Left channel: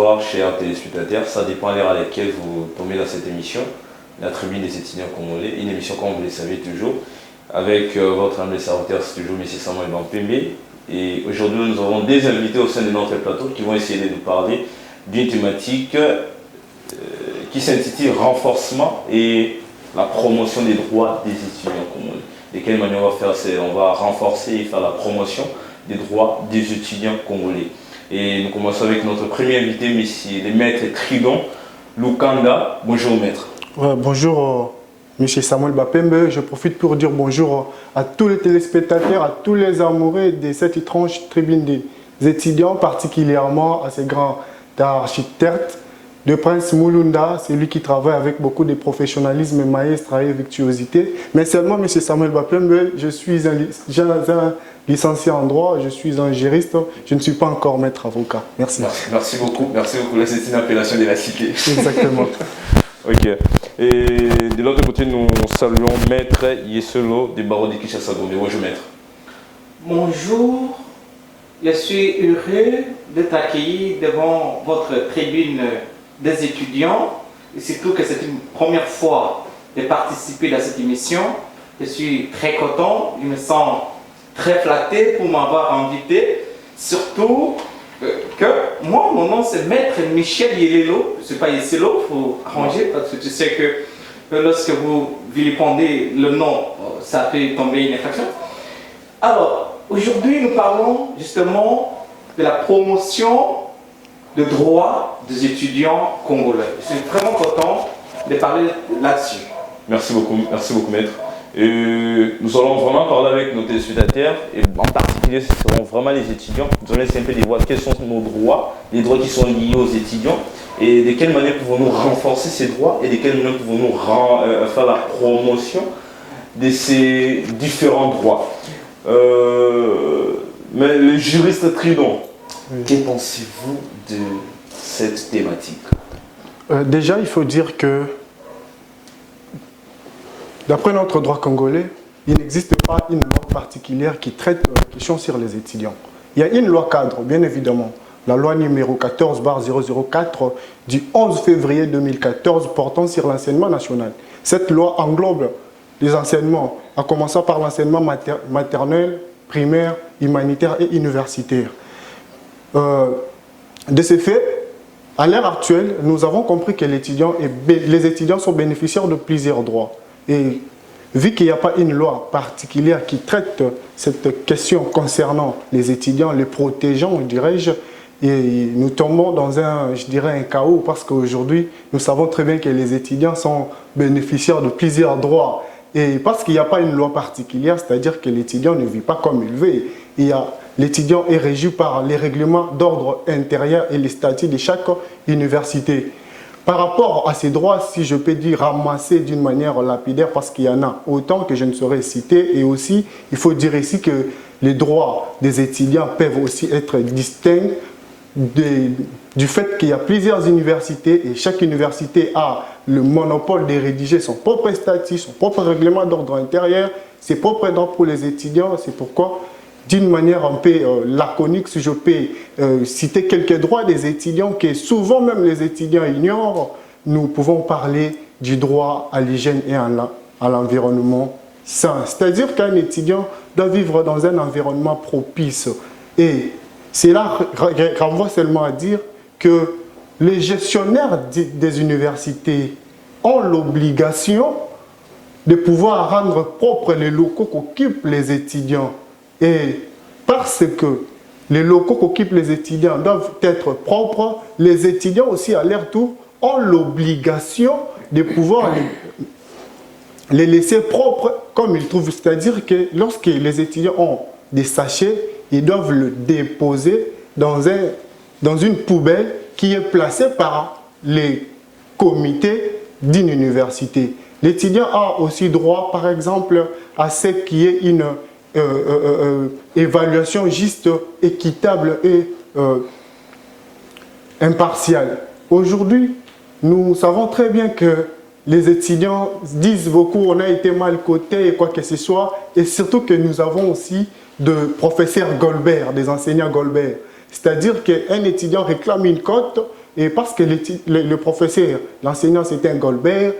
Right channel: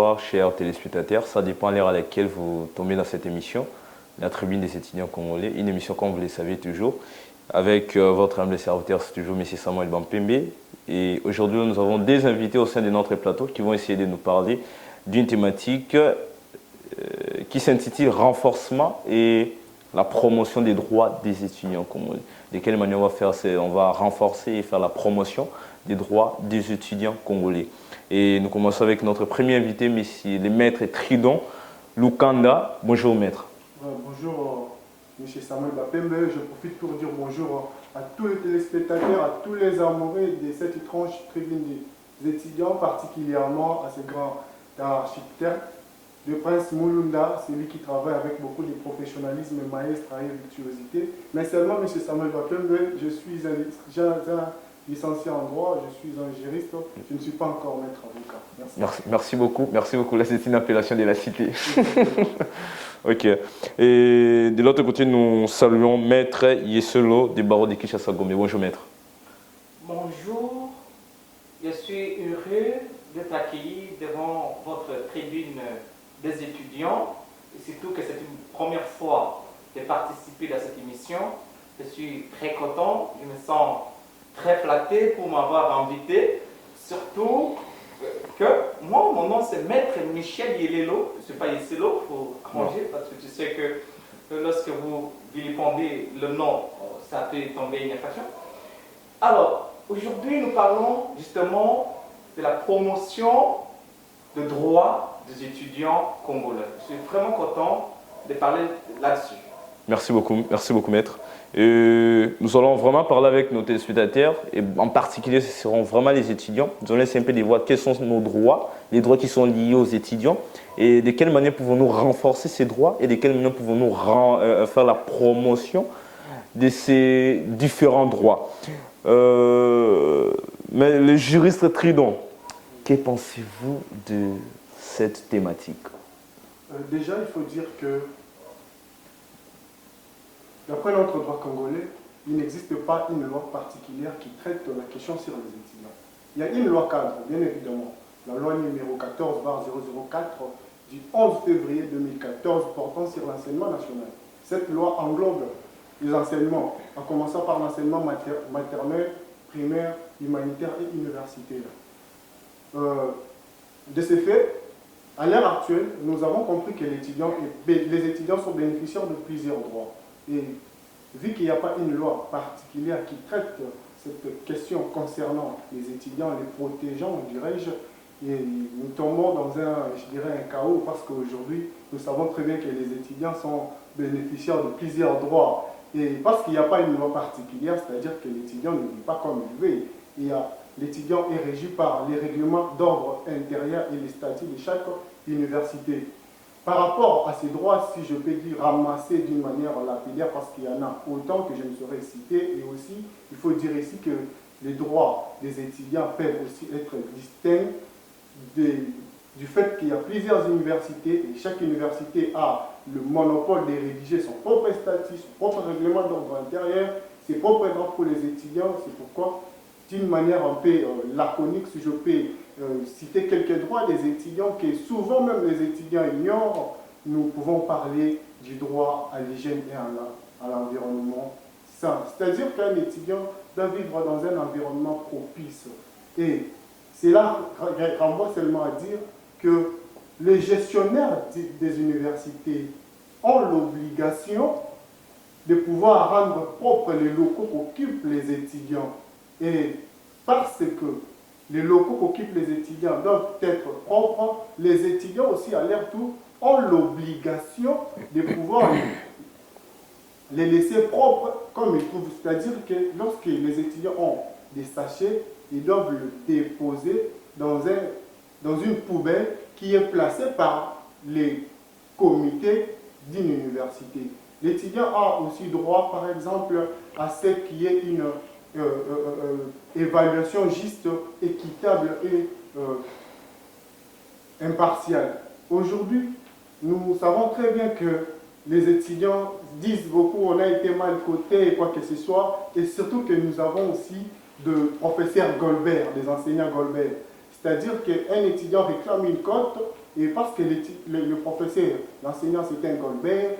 bonsoir, chers téléspectateurs. Ça dépend à l'heure à laquelle vous tombez dans cette émission, la tribune des étudiants congolais. Une émission, comme vous le savez toujours, avec votre humble serviteur, c'est toujours M. Samuel Bampembe. Et aujourd'hui, nous avons des invités au sein de notre plateau qui vont essayer de nous parler d'une thématique qui s'intitule Renforcement et la promotion des droits des étudiants congolais. De quelle manière on va faire? On va renforcer et faire la promotion des droits des étudiants congolais. Et nous commençons avec notre premier invité, le maître Tridon Lukanda. Bonjour maître. Bonjour monsieur Samuel Bampembe. Je profite pour dire bonjour à tous les téléspectateurs, à tous les amoureux de cette étrange tribune des étudiants, particulièrement à ces grands architectes de Prince Mulunda, c'est lui qui travaille avec beaucoup de professionnalisme, maestria et virtuosité. Mais seulement monsieur Samuel Bampembe, je suis un licencié en droit, je suis un juriste, je ne suis pas encore maître avocat. Merci. Merci beaucoup. Là, c'est une appellation de la cité. Exactement. Ok. Et de l'autre côté, nous saluons maître Yeselo des barreaux de Kinshasa-Gombe. Bonjour maître. Bonjour. Je suis heureux d'être accueilli devant votre tribune des étudiants. Et surtout que c'est une première fois de participer à cette émission. Je suis très content, je me sens très flatté pour m'avoir invité. Surtout que moi, mon nom c'est Maître Michel Yelelo. Je ne suis pas Yeselo, il faut arranger parce que tu sais que lorsque vous vilipendez le nom, ça peut tomber une infraction. Alors, aujourd'hui, nous parlons justement de la promotion des droits des étudiants congolais. Je suis vraiment content de parler là-dessus. Merci beaucoup maître. Nous allons vraiment parler avec nos téléspectateurs et en particulier ce seront vraiment les étudiants. Nous allons essayer un peu de voir quels sont nos droits, les droits qui sont liés aux étudiants et de quelle manière pouvons-nous renforcer ces droits et de quelle manière pouvons-nous faire la promotion de ces différents droits. Mais le juriste Tridon, que pensez-vous de cette thématique? Déjà, il faut dire que d'après notre droit congolais, il n'existe pas une loi particulière qui traite la question sur les étudiants. Il y a une loi cadre, bien évidemment, la loi numéro 14/004 du 11 février 2014 portant sur l'enseignement national. Cette loi englobe les enseignements, en commençant par l'enseignement maternel, primaire, humanitaire et universitaire. De ces faits, à l'heure actuelle, nous avons compris que les étudiants sont bénéficiaires de plusieurs droits. Et vu qu'il n'y a pas une loi particulière qui traite cette question concernant les étudiants, les protégeant, dirais-je, et nous tombons dans un chaos parce qu'aujourd'hui, nous savons très bien que les étudiants sont bénéficiaires de plusieurs droits. Et parce qu'il n'y a pas une loi particulière, c'est-à-dire que l'étudiant ne vit pas comme il veut. L'étudiant est régi par les règlements d'ordre intérieur et les statuts de chaque université. Par rapport à ces droits, si je peux dire ramassés d'une manière lapidaire, parce qu'il y en a autant que je ne saurais citer, et aussi, il faut dire ici que les droits des étudiants peuvent aussi être distincts du fait qu'il y a plusieurs universités et chaque université a le monopole de rédiger son propre statut, son propre règlement d'ordre intérieur, ses propres droits pour les étudiants. C'est pourquoi, d'une manière un peu laconique, si je peux citer quelques droits des étudiants que souvent même les étudiants ignorent, nous pouvons parler du droit à l'hygiène et à l'environnement sain. C'est-à-dire qu'un étudiant doit vivre dans un environnement propice. Et cela renvoie seulement à dire que les gestionnaires des universités ont l'obligation de pouvoir rendre propres les locaux qu'occupent les étudiants. Et parce que les locaux qu'occupent les étudiants doivent être propres, les étudiants aussi à leur tour ont l'obligation de pouvoir les laisser propres comme ils trouvent. C'est-à-dire que lorsque les étudiants ont des sachets, ils doivent le déposer dans une poubelle qui est placée par les comités d'une université. L'étudiant a aussi droit, par exemple, à ce qui est une évaluation juste, équitable et impartiale. Aujourd'hui, nous savons très bien que les étudiants disent beaucoup, on a été mal cotés et quoi que ce soit, et surtout que nous avons aussi de professeurs Goldberg, des enseignants Goldberg. C'est-à-dire qu'un étudiant réclame une cote, et parce que le professeur, l'enseignant c'était un Goldberg,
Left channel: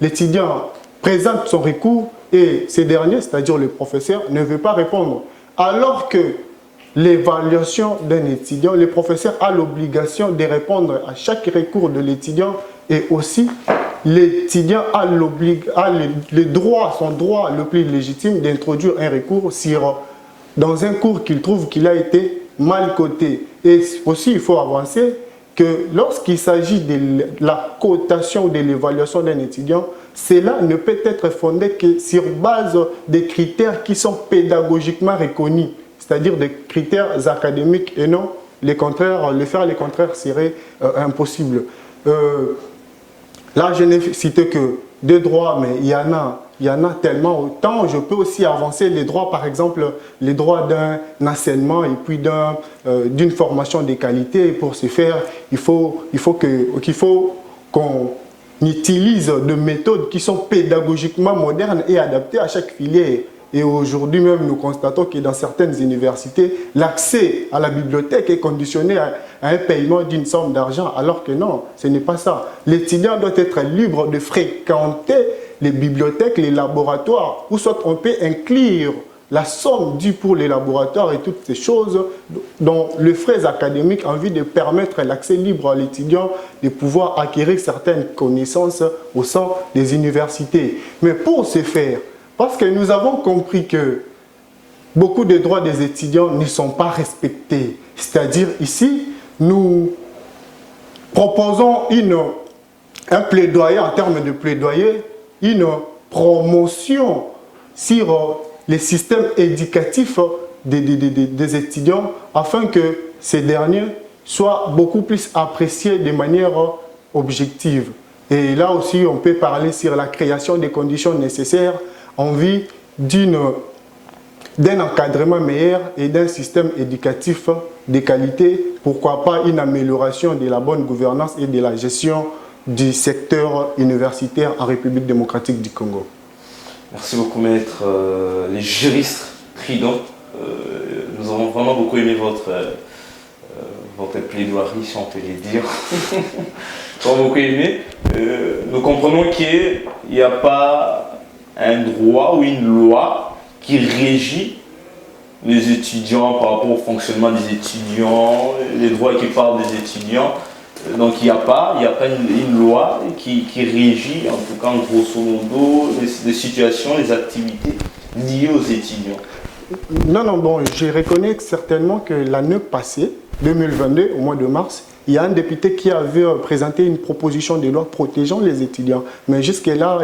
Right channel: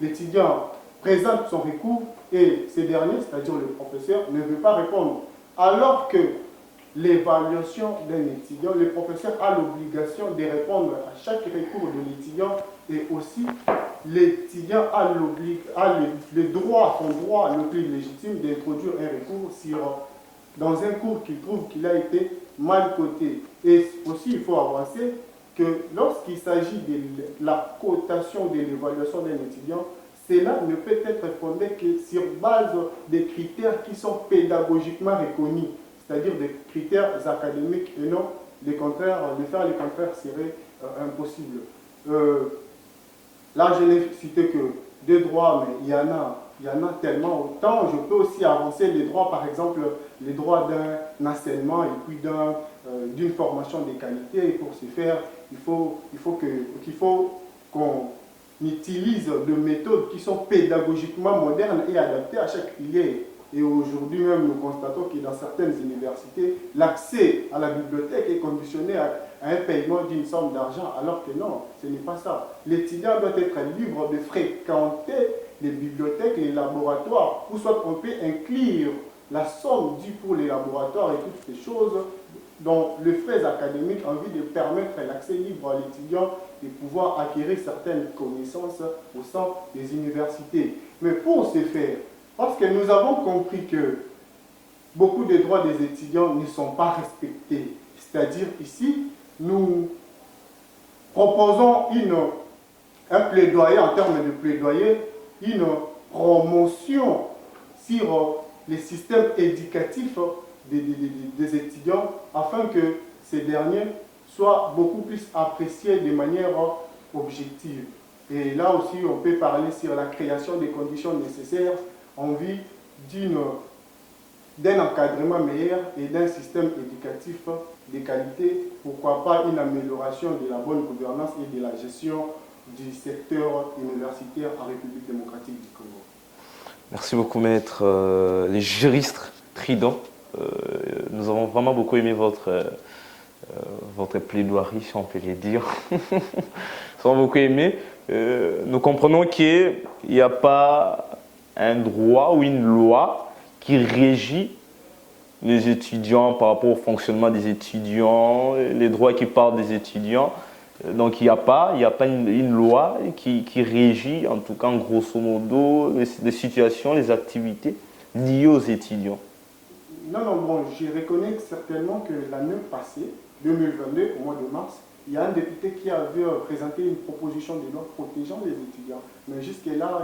l'étudiant présente son recours et ces derniers, c'est-à-dire le professeur, ne veut pas répondre. Alors que l'évaluation d'un étudiant, le professeur a l'obligation de répondre à chaque recours de l'étudiant et aussi l'étudiant a le droit, son droit le plus légitime d'introduire un recours dans un cours qu'il trouve qu'il a été mal coté. Et aussi, il faut avancer que lorsqu'il s'agit de la cotation ou de l'évaluation d'un étudiant, cela ne peut être fondé que sur base des critères qui sont pédagogiquement reconnus, c'est-à-dire des critères académiques et non les contraires. Le faire les contraires serait impossible. Là, je n'ai cité que deux droits, mais il y en a tellement autant. Je peux aussi avancer les droits, par exemple, les droits d'un enseignement et puis d'une formation de qualité. Et pour ce faire, il faut qu'on utilise des méthodes qui sont pédagogiquement modernes et adaptées à chaque filière. Et aujourd'hui même, nous constatons que dans certaines universités, l'accès à la bibliothèque est conditionné à un paiement d'une somme d'argent, alors que non, ce n'est pas ça. L'étudiant doit être libre de fréquenter les bibliothèques, les laboratoires, ou soit on peut inclure la somme due pour les laboratoires et toutes ces choses dans le frais académique en vue de permettre l'accès libre à l'étudiant de pouvoir acquérir certaines connaissances au sein des universités. Mais pour ce faire, parce que nous avons compris que beaucoup de droits des étudiants ne sont pas respectés. C'est-à-dire ici, nous proposons un plaidoyer, en termes de plaidoyer, une promotion sur les systèmes éducatifs des étudiants afin que ces derniers soient beaucoup plus appréciés de manière objective. Et là aussi, on peut parler sur la création des conditions nécessaires en vue d'un encadrement meilleur et d'un système éducatif de qualité, pourquoi pas une amélioration de la bonne gouvernance et de la gestion du secteur universitaire en République démocratique du Congo. Merci beaucoup, maître. Les juristes Tridon, nous avons vraiment beaucoup aimé votre plaidoirie, si on peut les dire. Nous avons beaucoup aimé. Nous comprenons qu'il n'y a pas un droit ou une loi qui régit les étudiants par rapport au fonctionnement des étudiants, les droits qui parlent des étudiants. Donc il n'y a pas une loi qui régit, en tout cas en grosso modo, les situations, les activités liées aux étudiants. Non, bon, je reconnais certainement que l'année passée, 2022, au mois de mars, il y a un député qui avait présenté une proposition de loi protégeant les étudiants. Mais jusque-là,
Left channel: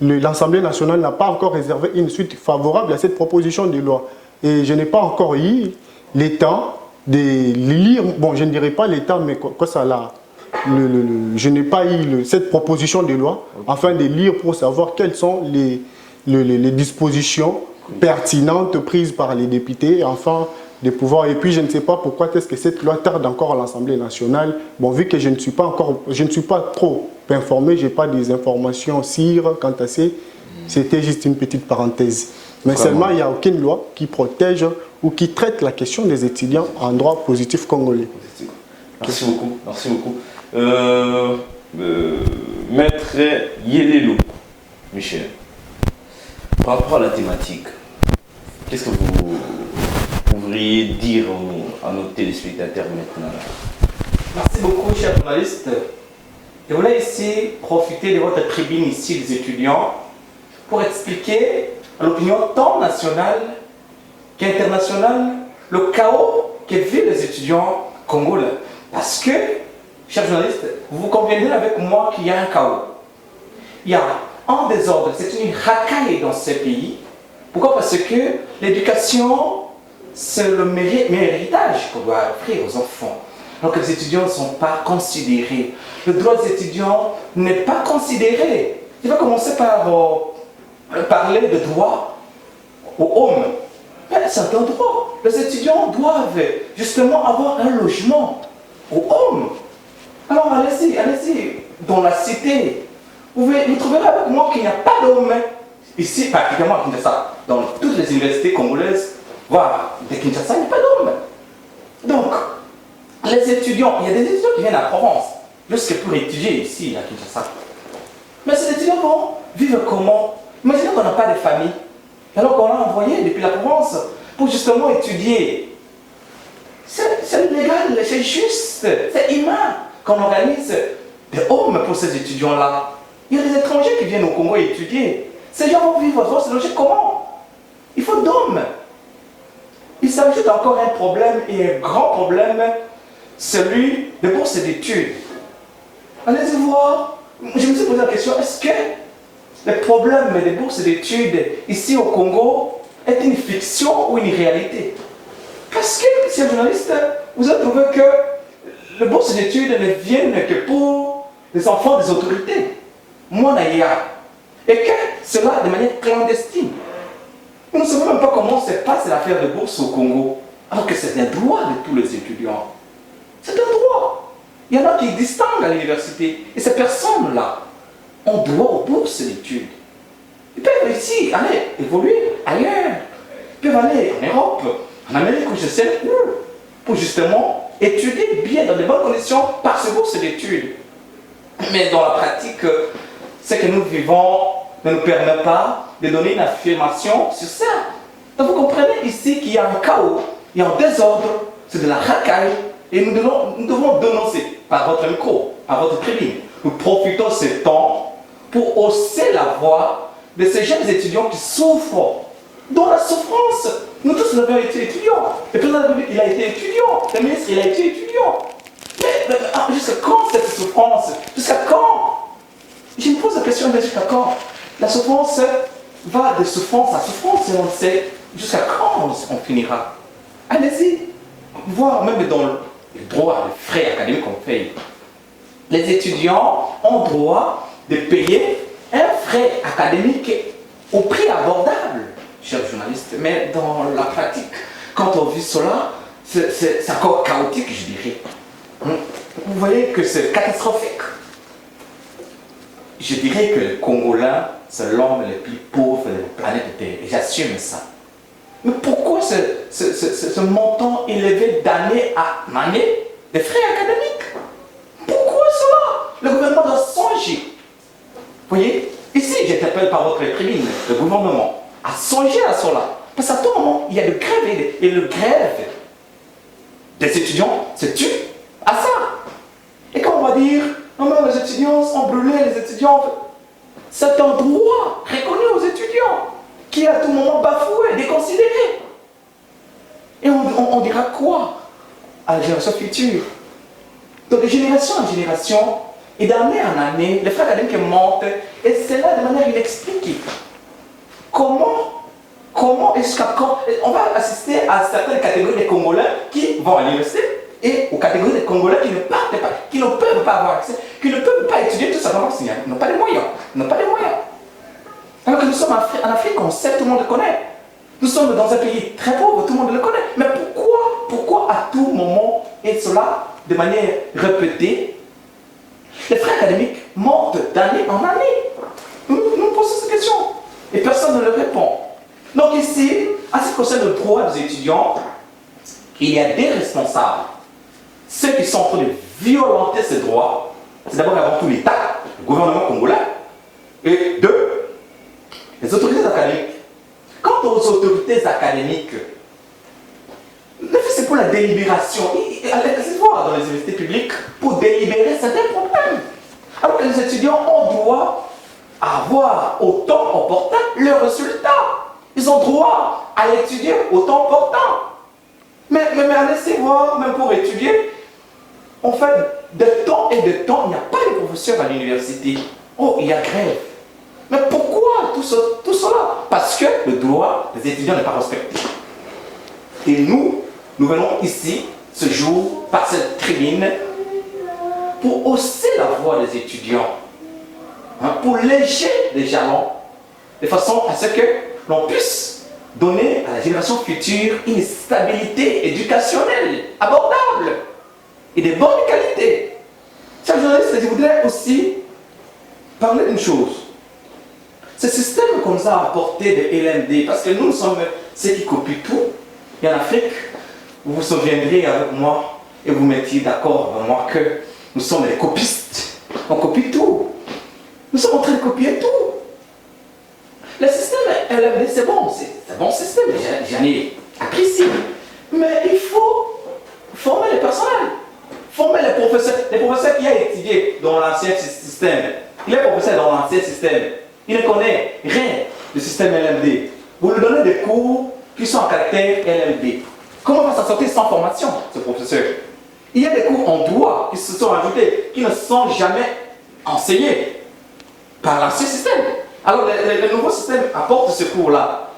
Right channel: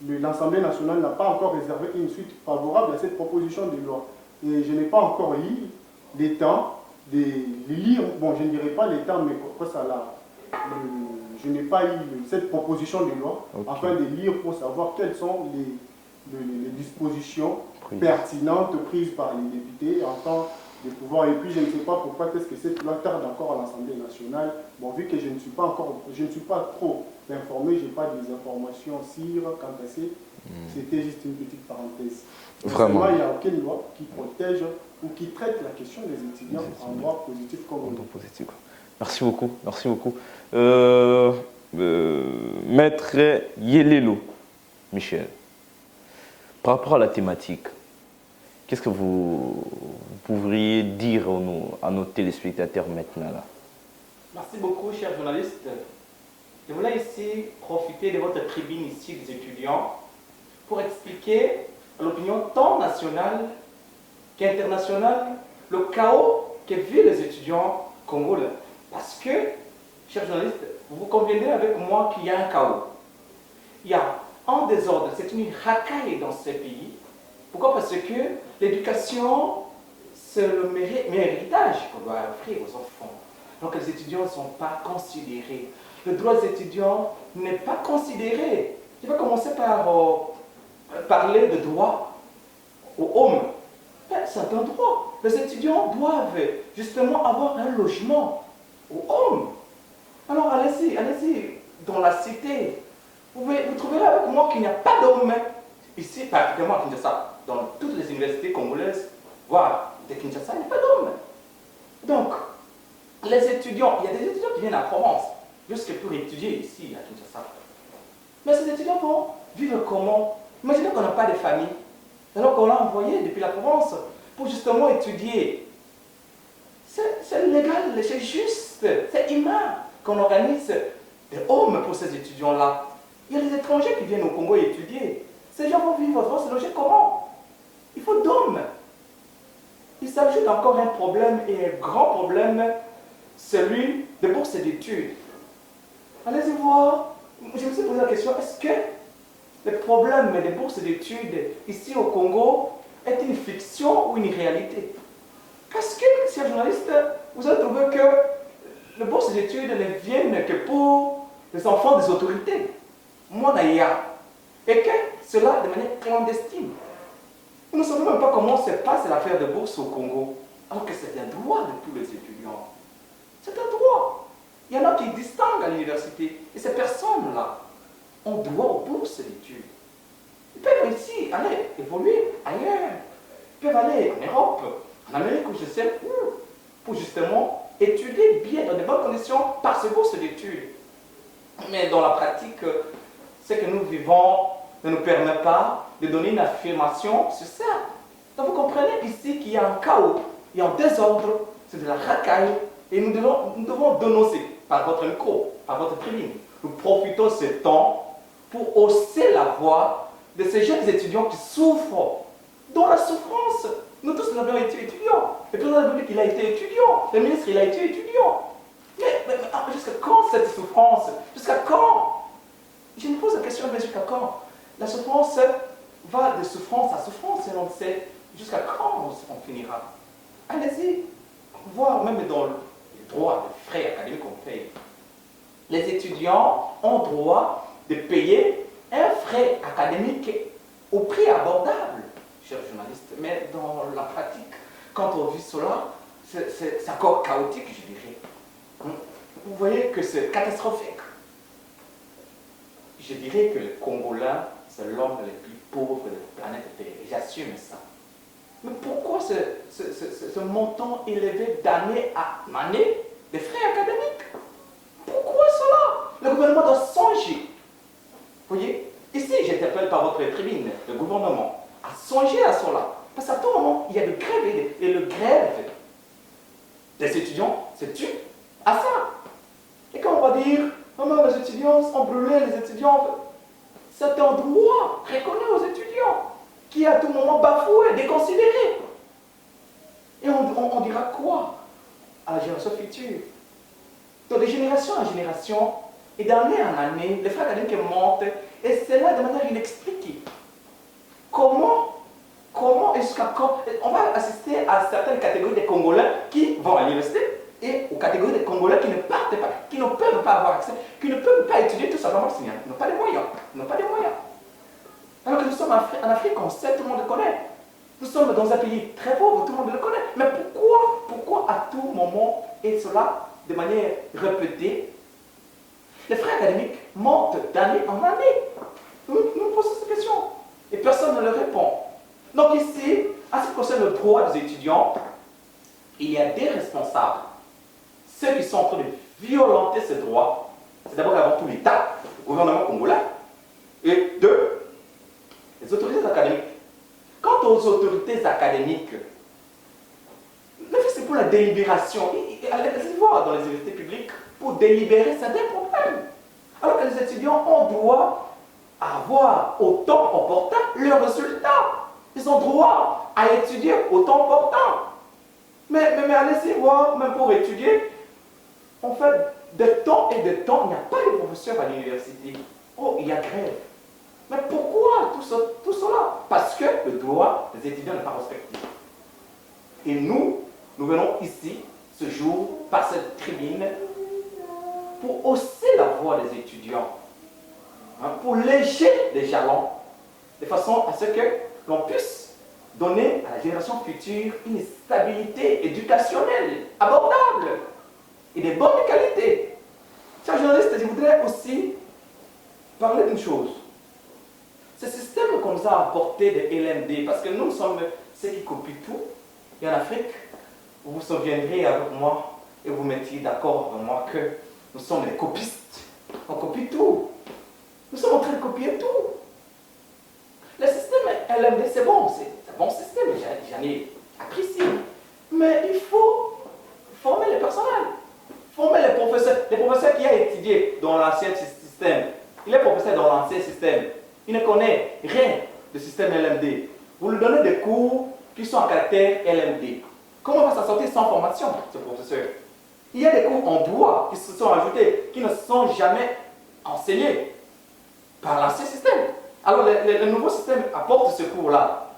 l'Assemblée nationale n'a pas encore réservé une suite favorable à cette proposition de loi. Et je n'ai pas encore eu le temps de lire, bon, je ne dirais pas le temps, mais quoi ça là, je n'ai pas eu cette proposition de loi afin de lire pour savoir quelles sont les dispositions pertinentes prises par les députés, afin de pouvoir, et puis je ne sais pas pourquoi est-ce que cette loi tarde encore à l'Assemblée nationale. Bon, vu que je ne suis pas trop informé, je n'ai pas des informations sûres quant à ça, c'était juste une petite parenthèse. Mais vraiment, seulement, il n'y a aucune loi qui protège ou qui traite la question des étudiants en droit positif congolais. Merci beaucoup, merci beaucoup. Maître Yelelo, Michel, par rapport à la thématique, qu'est-ce que vous pourriez dire à nos téléspectateurs maintenant là? Merci beaucoup, chers journalistes. Je voulais ici profiter de votre tribune ici des étudiants pour expliquer à l'opinion tant nationale qu'internationale le chaos que vivent les étudiants congolais. Parce que, chers journalistes, vous conviendrez avec moi qu'il y a un chaos. Il y a un désordre, c'est une racaille dans ce pays. Pourquoi? Parce que l'éducation, c'est le meilleur héritage qu'on doit offrir aux enfants. Donc les étudiants ne sont pas considérés. Le droit des étudiants n'est pas considéré. Je vais commencer par parler de droit aux hommes. C'est un droit. Les étudiants doivent justement avoir un logement aux hommes. Alors allez-y, dans la cité. Vous trouverez avec moi qu'il n'y a pas d'hommes. Ici, particulièrement à Kinshasa, dans toutes les universités congolaises, voire de Kinshasa, il n'y a pas d'hommes. Donc, Les étudiants, il y a des étudiants qui viennent à Provence, juste pour étudier ici, à Kinshasa. Mais ces étudiants vont vivre comment? Imaginez qu'on n'a pas de famille, alors qu'on l'a envoyé depuis la Provence pour justement étudier. C'est légal, c'est juste, c'est humain qu'on organise des homes pour ces étudiants-là. Il y a des étrangers qui viennent au Congo étudier. Ces gens vont vivre, vont se loger comment? Il faut d'hommes. Il s'ajoute encore un problème, et un grand problème, celui des bourses d'études. Allez-y voir. Je me suis posé la question, est-ce que le problème des bourses d'études ici au Congo est une fiction ou une réalité? Parce que, monsieur le journaliste, vous avez trouvé que les bourses d'études ne viennent que pour les enfants des autorités, Monaïa, et que cela de manière clandestine. Nous ne savons même pas comment se passe l'affaire de bourse au Congo, alors que c'est un droit de tous les étudiants. C'est un droit. Il y en a qui distinguent à l'université, et ces personnes-là ont droit aux bourses d'études. Ils peuvent ici aller évoluer ailleurs. Ils peuvent aller en Europe, en Amérique, ou je sais où, pour justement étudier bien dans de bonnes conditions par ces bourses d'études. Mais dans la pratique, ce que nous vivons ne nous permet pas de donner une affirmation sur ça. Donc vous comprenez ici qu'il y a un chaos, il y a un désordre, c'est de la racaille, et nous devons dénoncer par votre micro, par votre tribune. Nous profitons de ce temps pour hausser la voix de ces jeunes étudiants qui souffrent, dans la souffrance. Nous tous, nous avons été étudiants. Le président de la République, il a été étudiant. Le ministre, il a été étudiant. Mais jusqu'à quand cette souffrance? Jusqu'à quand? Je me pose la question, mais jusqu'à quand? La souffrance va de souffrance à souffrance et on sait jusqu'à quand on finira. Allez-y, voir même dans les droits, les frais académiques qu'on paye. Les étudiants ont droit de payer un frais académique au prix abordable, chers journalistes. Mais dans la pratique, quand on vit cela, c'est encore chaotique, je dirais. Vous voyez que c'est catastrophique. Je dirais que le Congolais, c'est l'homme le plus pauvre de la planète Terre. Et j'assume ça. Mais pourquoi ce montant élevé d'année à année des frais académiques? Pourquoi cela? Le gouvernement doit songer. Vous voyez? Ici, j'interpelle par votre tribune le gouvernement à songer à cela. Parce qu'à tout moment, il y a le grève et le grève des étudiants se tue à ça. Et quand on va dire, non, non, les étudiants sont brûlés, les étudiants... C'est un droit reconnu aux étudiants, qui est à tout moment bafoué, déconsidéré. Et on dira quoi à la génération future? Donc de génération en génération, et d'année en année, les frais académiques montent, et c'est là de manière inexpliquée. Comment et jusqu'à quand? On va assister à certaines catégories des Congolais qui vont à l'université, et aux catégories des Congolais qui ne partent pas, qui ne peuvent pas avoir accès, qui ne peuvent pas étudier tout simplement parce qu'ils n'ont pas de moyens. Ils n'ont pas de moyens. Alors que nous sommes en Afrique, on sait, tout le monde le connaît. Nous sommes dans un pays très pauvre, tout le monde le connaît. Mais pourquoi à tout moment, et cela de manière répétée, les frais académiques montent d'année en année? Nous posons cette question. Et personne ne le répond. Donc ici, en ce qui concerne le droit des étudiants, il y a des responsables. Ceux qui sont en train de violenter ces droits, c'est d'abord et avant tout l'État, le gouvernement congolais, et deux, les autorités académiques. Quant aux autorités académiques, c'est pour la délibération. Allez voir dans les universités publiques pour délibérer certains problèmes. Alors que les étudiants ont droit à avoir au temps opportun leurs résultats. Ils ont droit à étudier au temps opportun. Mais allez voir, même pour étudier, en fait, de temps et de temps, il n'y a pas de professeurs à l'université. Oh, il y a grève. Mais pourquoi tout cela? Parce que le droit des étudiants n'est pas respecté. Et nous venons ici, ce jour, par cette tribune, pour hausser la voix des étudiants, pour léger les jalons, de façon à ce que l'on puisse donner à la génération future une stabilité éducationnelle abordable et de bonne qualité. Chers journalistes, je voudrais aussi parler d'une chose. Ce système qu'on nous a apporté de LMD, parce que nous sommes ceux qui copient tout, et en Afrique, vous vous souviendrez avec moi, et vous mettiez d'accord avec moi que nous sommes les copistes. On copie tout. Nous sommes en train de copier tout. Le système LMD, c'est bon, c'est un bon système, j'en ai apprécié. Mais il faut former les personnels, former les professeurs. Les professeurs qui ont étudié dans l'ancien système, il est professeur dans l'ancien système, il ne connaît rien du système LMD. Vous lui donnez des cours qui sont en caractère LMD. Comment va s'en sortir sans formation, ce professeur? Il y a des cours en droit qui se sont ajoutés, qui ne sont jamais enseignés par l'ancien système. Alors, le nouveau système apporte ce cours-là.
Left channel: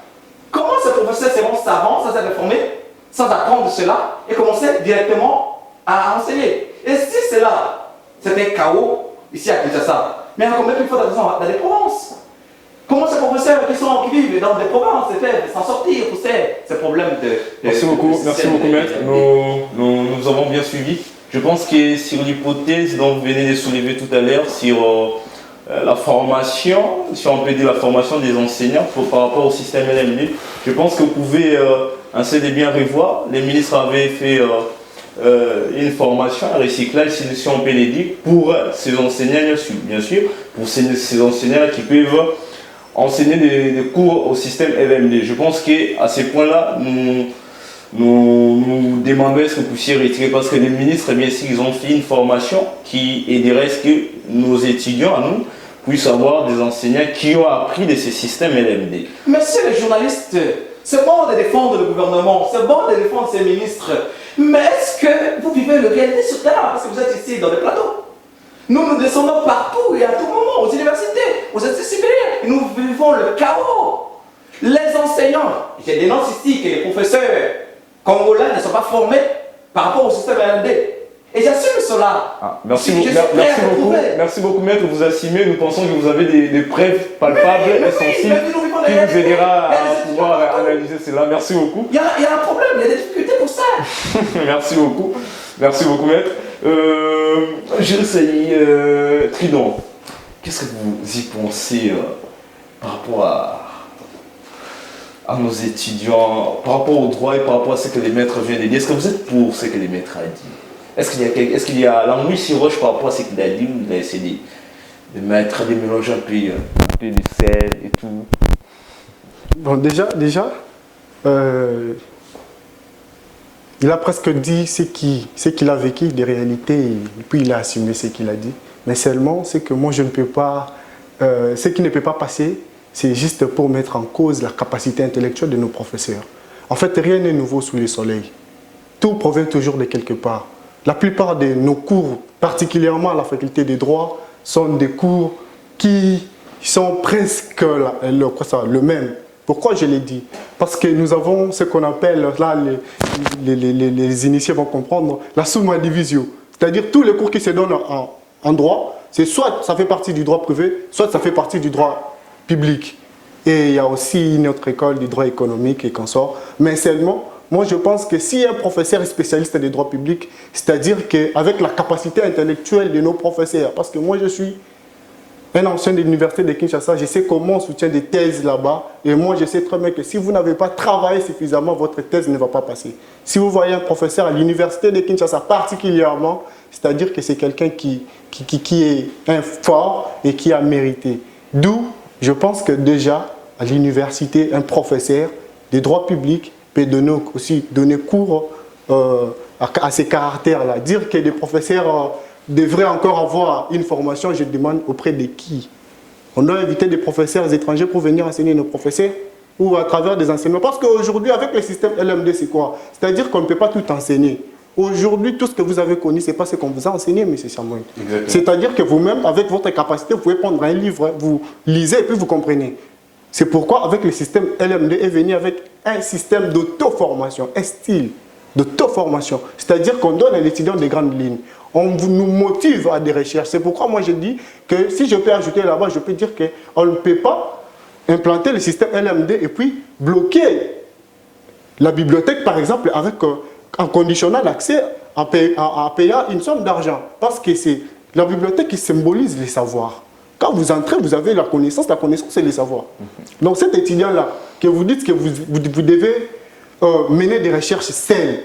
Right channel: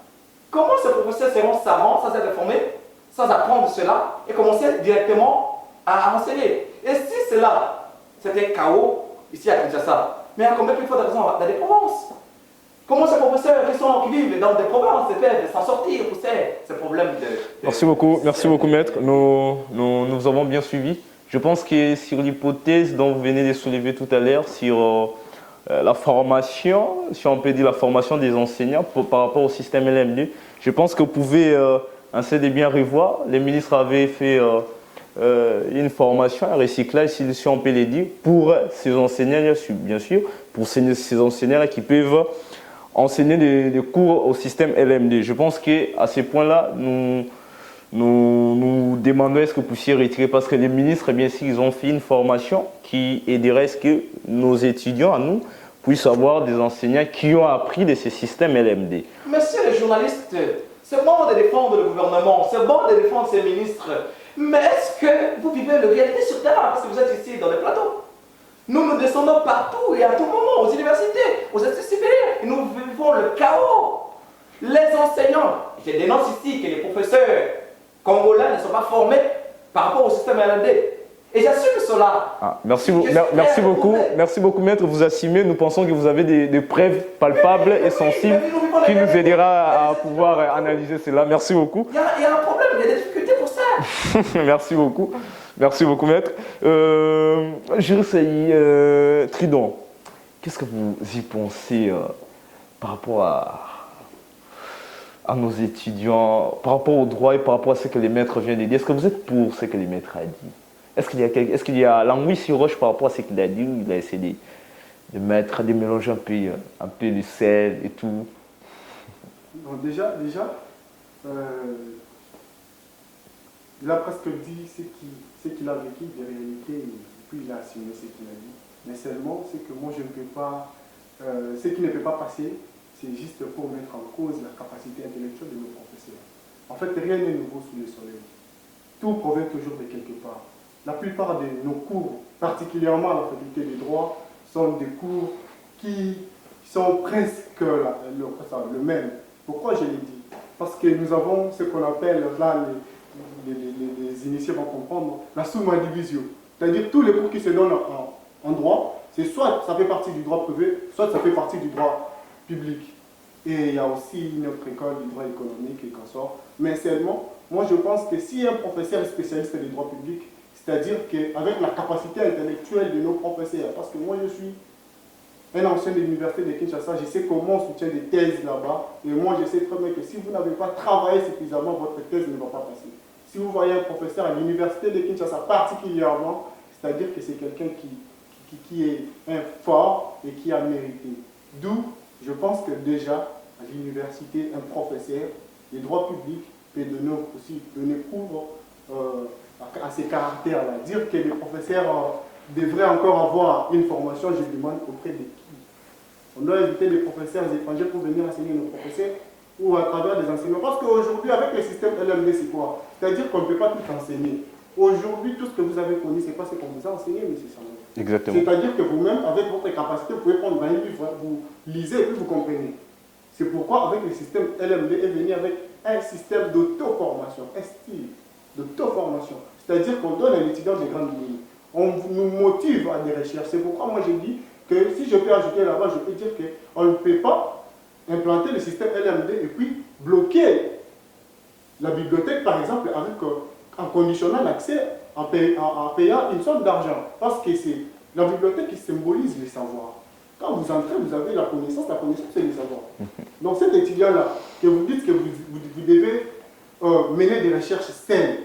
Comment ces professeurs seront savants sans être formés, sans apprendre cela et commencer directement à enseigner? Et si cela, c'était chaos ici à Kinshasa, mais en combien plus faut d'argent dans des provinces? Comment ces professeurs qui vivent dans des provinces peuvent s'en sortir pour ces problèmes de Merci beaucoup maître. Nous avons bien suivi. Je pense que sur l'hypothèse dont vous venez de soulever tout à l'heure, sur la formation, si on peut dire la formation des enseignants par rapport au système LMD, je pense que vous pouvez essayer de bien revoir. Les ministres avaient fait une formation, un recyclage, si on peut le dire, pour ces enseignants, bien sûr, pour ces enseignants qui peuvent enseigner des cours au système LMD. Je pense qu'à ce point-là, nous demandons est-ce que vous puissiez retirer, parce que les ministres, bien sûr, ils ont fait une formation qui aiderait à ce que nos étudiants, à nous, puissent avoir des enseignants qui ont appris de ce système LMD. Monsieur les journalistes, c'est bon de défendre le gouvernement, c'est bon de défendre ces ministres, mais est-ce que vous vivez le réalité sur terrain, parce que vous êtes ici dans le plateau? Nous descendons partout et à tout moment, aux universités, aux études supérieures, et nous vivons le chaos. Les enseignants, je dénonce ici que les professeurs congolais ne sont pas formés par rapport au système LMD. Et j'assume cela. Merci beaucoup, maître. Vous assumez. Nous pensons que vous avez des preuves palpables et sensibles qui nous aidera à pouvoir analyser cela. Merci beaucoup. Il y a un problème, il y a des difficultés pour ça. Merci beaucoup, maître. Tridon, qu'est-ce que vous y pensez par rapport à nos étudiants, par rapport au droit et par rapport à ce que les maîtres viennent de dire? Est-ce que vous êtes pour ce que les maîtres ont dit? Est-ce qu'il y a l'anguille sur roche par rapport à ce qu'il a dit? Il a essayé de mettre, de mélanger un peu de sel et tout. Bon, déjà il a presque dit ce qu'il a vécu des réalités et puis il a assumé ce qu'il a dit. Mais seulement, c'est que moi je ne peux pas, ce qui ne peut pas passer, c'est juste pour mettre en cause la capacité intellectuelle de nos professeurs. En fait, rien n'est nouveau sous le soleil. Tout provient toujours de quelque part. La plupart de nos cours, particulièrement à la faculté des droits, sont des cours qui sont presque le même. Pourquoi je l'ai dit? Parce que nous avons ce qu'on appelle, là les initiés vont comprendre, la summa divisio. C'est-à-dire tous les cours qui se donnent en droit, c'est soit ça fait partie du droit privé, soit ça fait partie du droit public. Et il y a aussi une autre école du droit économique et consort. Mais seulement, moi je pense que si un professeur est spécialiste des droits publics, c'est-à-dire qu'avec la capacité intellectuelle de nos professeurs, parce que moi je suis un ancien de l'université de Kinshasa, je sais comment on soutient des thèses là-bas. Et moi, je sais très bien que si vous n'avez pas travaillé suffisamment, votre thèse ne va pas passer. Si vous voyez un professeur à l'université de Kinshasa particulièrement, c'est-à-dire que c'est quelqu'un qui est un fort et qui a mérité. D'où, je pense que déjà, à l'université, un professeur des droits publics peut donner cours à ces caractères-là. Dire que des professeurs devraient encore avoir une formation, je demande auprès de qui? On doit inviter des professeurs étrangers pour venir enseigner nos professeurs ou à travers des enseignements. Parce qu'aujourd'hui, avec le système LMD, c'est quoi? C'est-à-dire qu'on ne peut pas tout enseigner. Aujourd'hui, tout ce que vous avez connu, ce n'est pas ce qu'on vous a enseigné, M. Samuel. C'est-à-dire que vous-même, avec votre capacité, vous pouvez prendre un livre, vous lisez et puis vous comprenez. C'est pourquoi, avec le système LMD, est venu avec un système d'auto-formation, un style d'auto-formation. C'est-à-dire qu'on donne à l'étudiant des grandes lignes. On nous motive à des recherches. C'est pourquoi moi je dis que si je peux ajouter là-bas, je peux dire qu'on ne peut pas implanter le système LMD et puis bloquer la bibliothèque, par exemple, en conditionnant l'accès en payant une somme d'argent. Parce que c'est la bibliothèque qui symbolise les savoirs. Quand vous entrez, vous avez la connaissance c'est les savoirs. Donc cet étudiant-là, que vous dites que vous devez mener des recherches saines,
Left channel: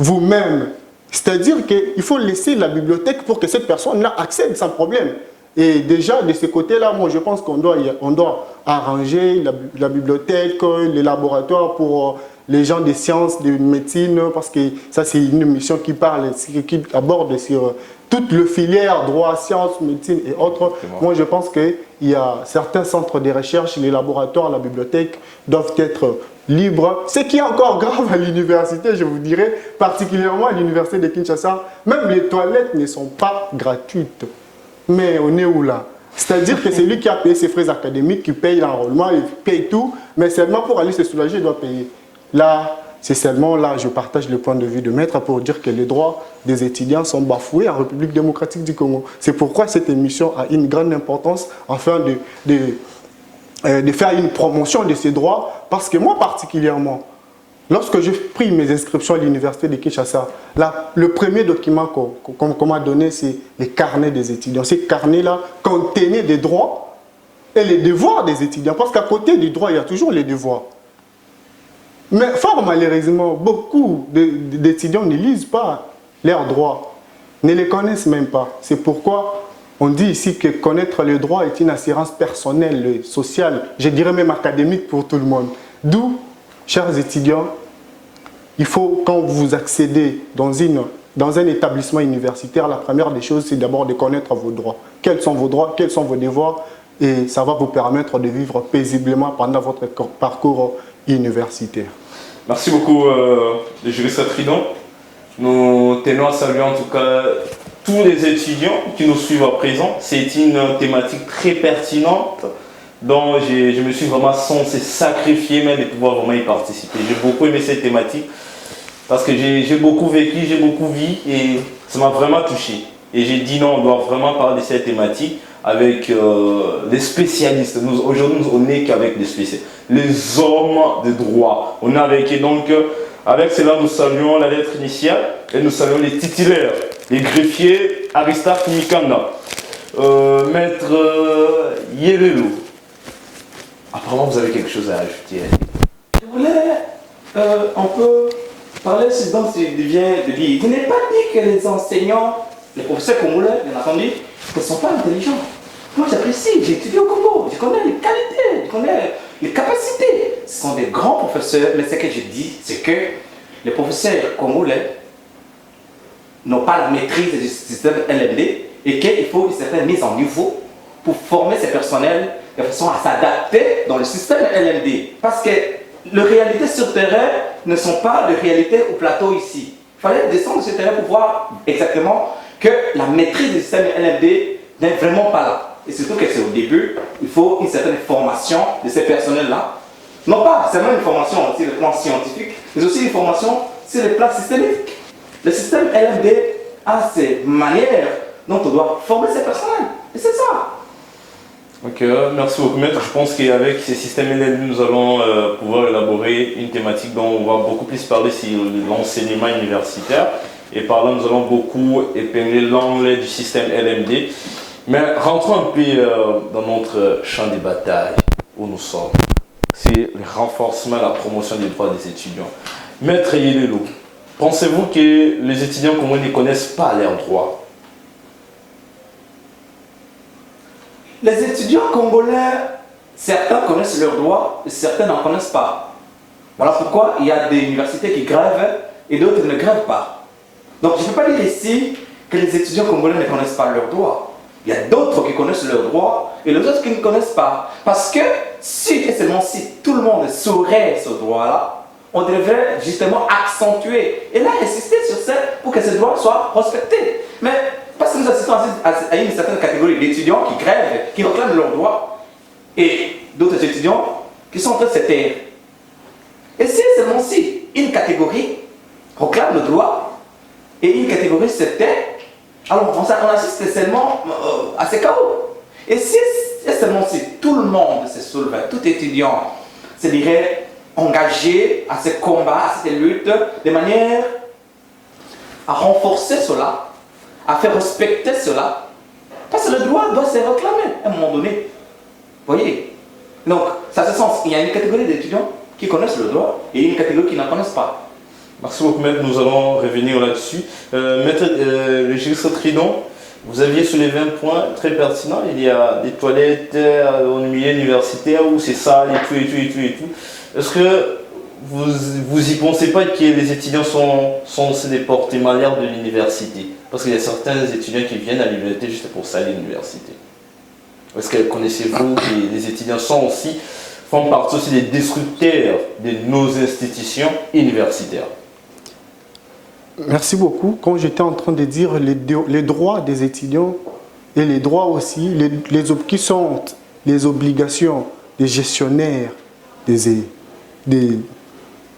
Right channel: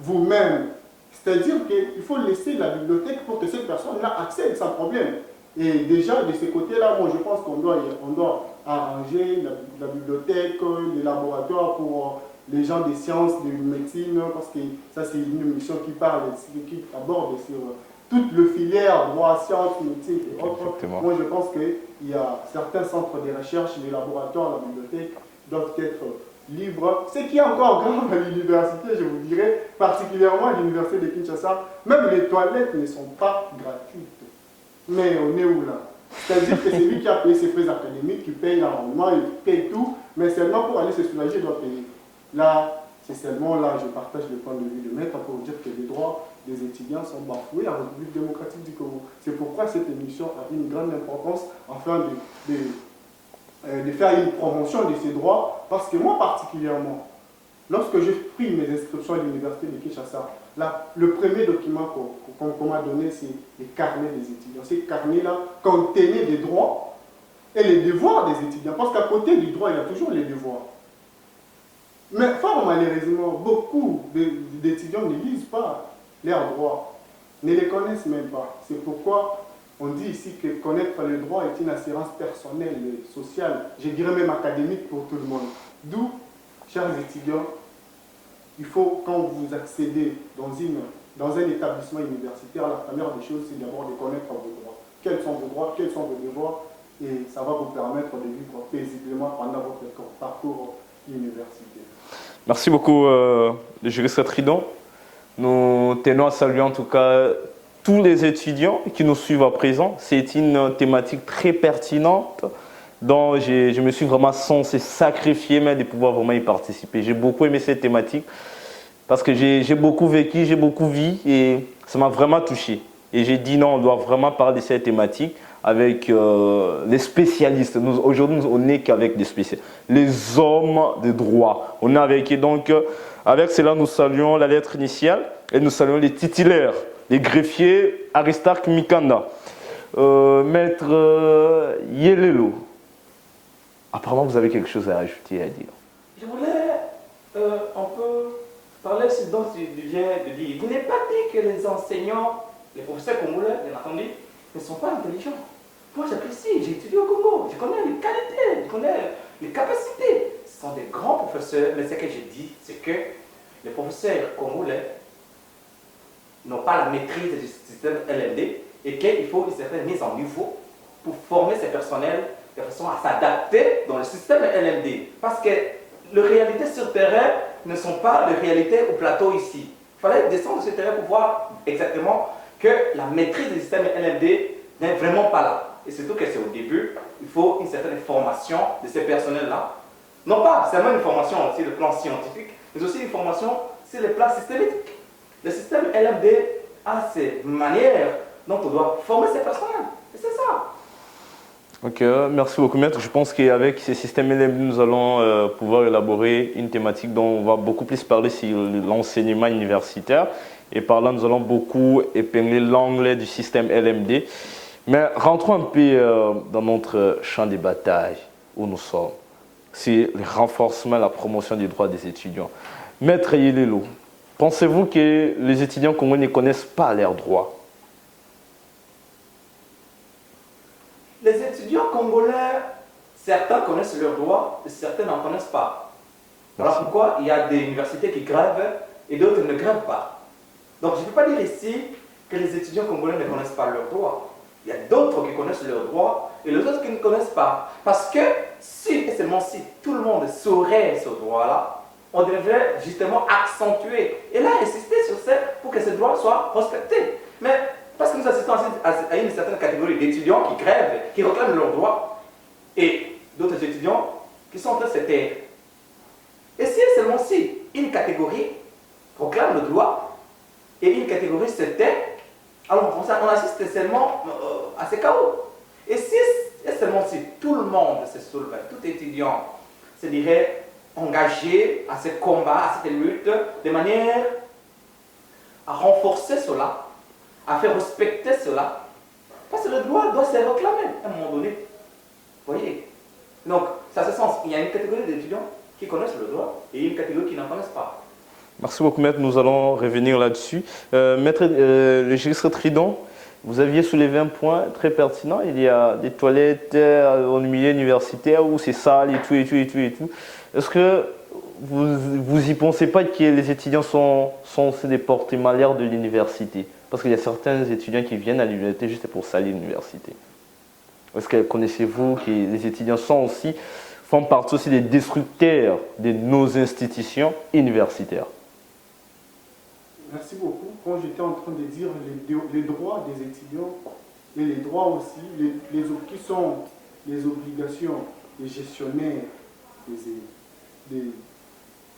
vous-même, C'est-à-dire qu'il faut laisser la bibliothèque pour que cette personne-là accède sans problème. Et déjà, de ce côté-là, moi, je pense qu'on doit arranger la bibliothèque, les laboratoires pour les gens des sciences, de médecine, parce que ça, c'est une mission qui parle, qui aborde sur toute le filière, droit, sciences, médecine et autres. Exactement. Moi, je pense qu'il y a certains centres de recherche, les laboratoires, la bibliothèque doivent être libres. Ce qui est encore grave à l'université, je vous dirais, particulièrement à l'université de Kinshasa, même les toilettes ne sont pas gratuites. Mais on est où là? C'est-à-dire que c'est lui qui a payé ses frais académiques, qui paye l'enrôlement, il paye tout, mais seulement pour aller se soulager, il doit payer. Là, c'est seulement là, je partage le point de vue de maître pour dire que les droits des étudiants sont bafoués en République démocratique du Congo. C'est pourquoi cette émission a une grande importance afin de faire une promotion de ces droits, parce que moi particulièrement, lorsque j'ai pris mes inscriptions à l'université de Kinshasa, là, le premier document qu'on m'a donné, c'est les carnets des étudiants. Ces carnets-là contenaient des droits et les devoirs des étudiants, parce qu'à côté du droit, il y a toujours les devoirs. Mais fort malheureusement, beaucoup d'étudiants ne lisent pas leurs droits, ne les connaissent même pas. C'est pourquoi on dit ici que connaître les droits est une assurance personnelle, sociale, je dirais même académique pour tout le monde. D'où, chers étudiants, il faut, quand vous accédez dans un établissement universitaire, la première des choses, c'est d'abord de connaître vos droits. Quels sont vos droits, quels sont vos devoirs, et ça va vous permettre de vivre paisiblement pendant votre parcours universitaire. Merci beaucoup, le juriste Tridon. Nous tenons à saluer en tout cas tous les étudiants qui nous suivent à présent. C'est une thématique très pertinente dont je me suis vraiment censé sacrifier, mais de pouvoir vraiment y participer. J'ai beaucoup aimé cette thématique parce que j'ai beaucoup vécu, j'ai beaucoup vu et ça m'a vraiment touché. Et j'ai dit non, on doit vraiment parler de cette thématique avec les spécialistes. Aujourd'hui, on n'est qu'avec des spécialistes. Les hommes de droit. On est avec, et donc, avec cela, nous saluons la lettre initiale et nous saluons les titulaires, les greffiers Aristarque Mikanda, Maître Yelelo. Apparemment, vous avez quelque chose à ajouter. Je voulais un peu parler de ce dont je viens de dire. Je n'ai pas dit que les enseignants, les professeurs congolais, bien entendu, ne sont pas intelligents. Moi, j'apprécie, j'ai étudié au Congo, je connais les qualités, je connais les capacités. Ce sont des grands professeurs, mais ce que je dis, c'est que les professeurs congolais n'ont pas la maîtrise du système LMD et qu'il faut une certaine mise en niveau pour former ces personnels de façon à s'adapter dans le système LMD. Parce que les réalités sur terrain ne sont pas les réalités au plateau ici. Il fallait descendre sur le terrain pour voir exactement que la maîtrise du système LMD n'est vraiment pas là. Et surtout que c'est au début, il faut une certaine formation de ces personnels-là. Non pas seulement une formation sur le plan scientifique, mais aussi une formation sur le plan systémique. Le système LMD a ses manières dont on doit former ces personnels. Et c'est ça. Ok, merci beaucoup maître. Je pense qu'avec ces systèmes LMD, nous allons pouvoir élaborer une thématique dont on va beaucoup plus parler sur l'enseignement universitaire. Et par là, nous allons beaucoup épingler l'angle du système LMD. Mais rentrons un peu dans notre champ de bataille où nous sommes. C'est le renforcement, la promotion des droits des étudiants. Maître Yelelo, pensez-vous que les étudiants congolais ne connaissent pas leurs droits? Les étudiants congolais, certains connaissent leurs droits et certains n'en connaissent pas. Voilà pourquoi il y a des universités qui grèvent et d'autres ne grèvent pas. Donc je ne peux pas dire ici que les étudiants congolais ne connaissent pas leurs droits. Il y a d'autres qui connaissent leurs droits et les autres qui ne connaissent pas. Parce que si et seulement si tout le monde saurait ce droit-là, on devrait justement accentuer et là insister sur ça pour que ce droit soit respecté. Mais parce que nous assistons à une certaine catégorie d'étudiants qui grèvent, qui réclament leurs droits, et d'autres étudiants qui sont en train de se taire. Et si seulement si une catégorie réclame le droit et une catégorie se tait, alors on assiste seulement à ce chaos. Et si seulement si tout le monde se soulevait, tout étudiant se dirait engagé à ce combat, à cette lutte, de manière à renforcer cela, à faire respecter cela, parce que le droit doit se réclamer à un moment donné. Vous voyez? Donc, ça se sens, il y a une catégorie d'étudiants qui connaissent le droit et une catégorie qui n'en connaissent pas. Merci beaucoup, maître. Nous allons revenir là-dessus. Maître, le juriste Tridon, vous aviez soulevé un point très pertinent. Il y a des toilettes au milieu universitaire où c'est sale et tout, et tout, et tout, et tout. Est-ce que vous y pensez pas que les étudiants sont aussi des porte-malheurs de l'université? Parce qu'il y a certains étudiants qui viennent à l'université juste pour salir l'université. Est-ce que connaissez-vous que les étudiants font partie aussi des destructeurs de nos institutions universitaires? Merci beaucoup. Quand j'étais en train de dire les droits des étudiants et les droits aussi, qui sont les obligations des gestionnaires des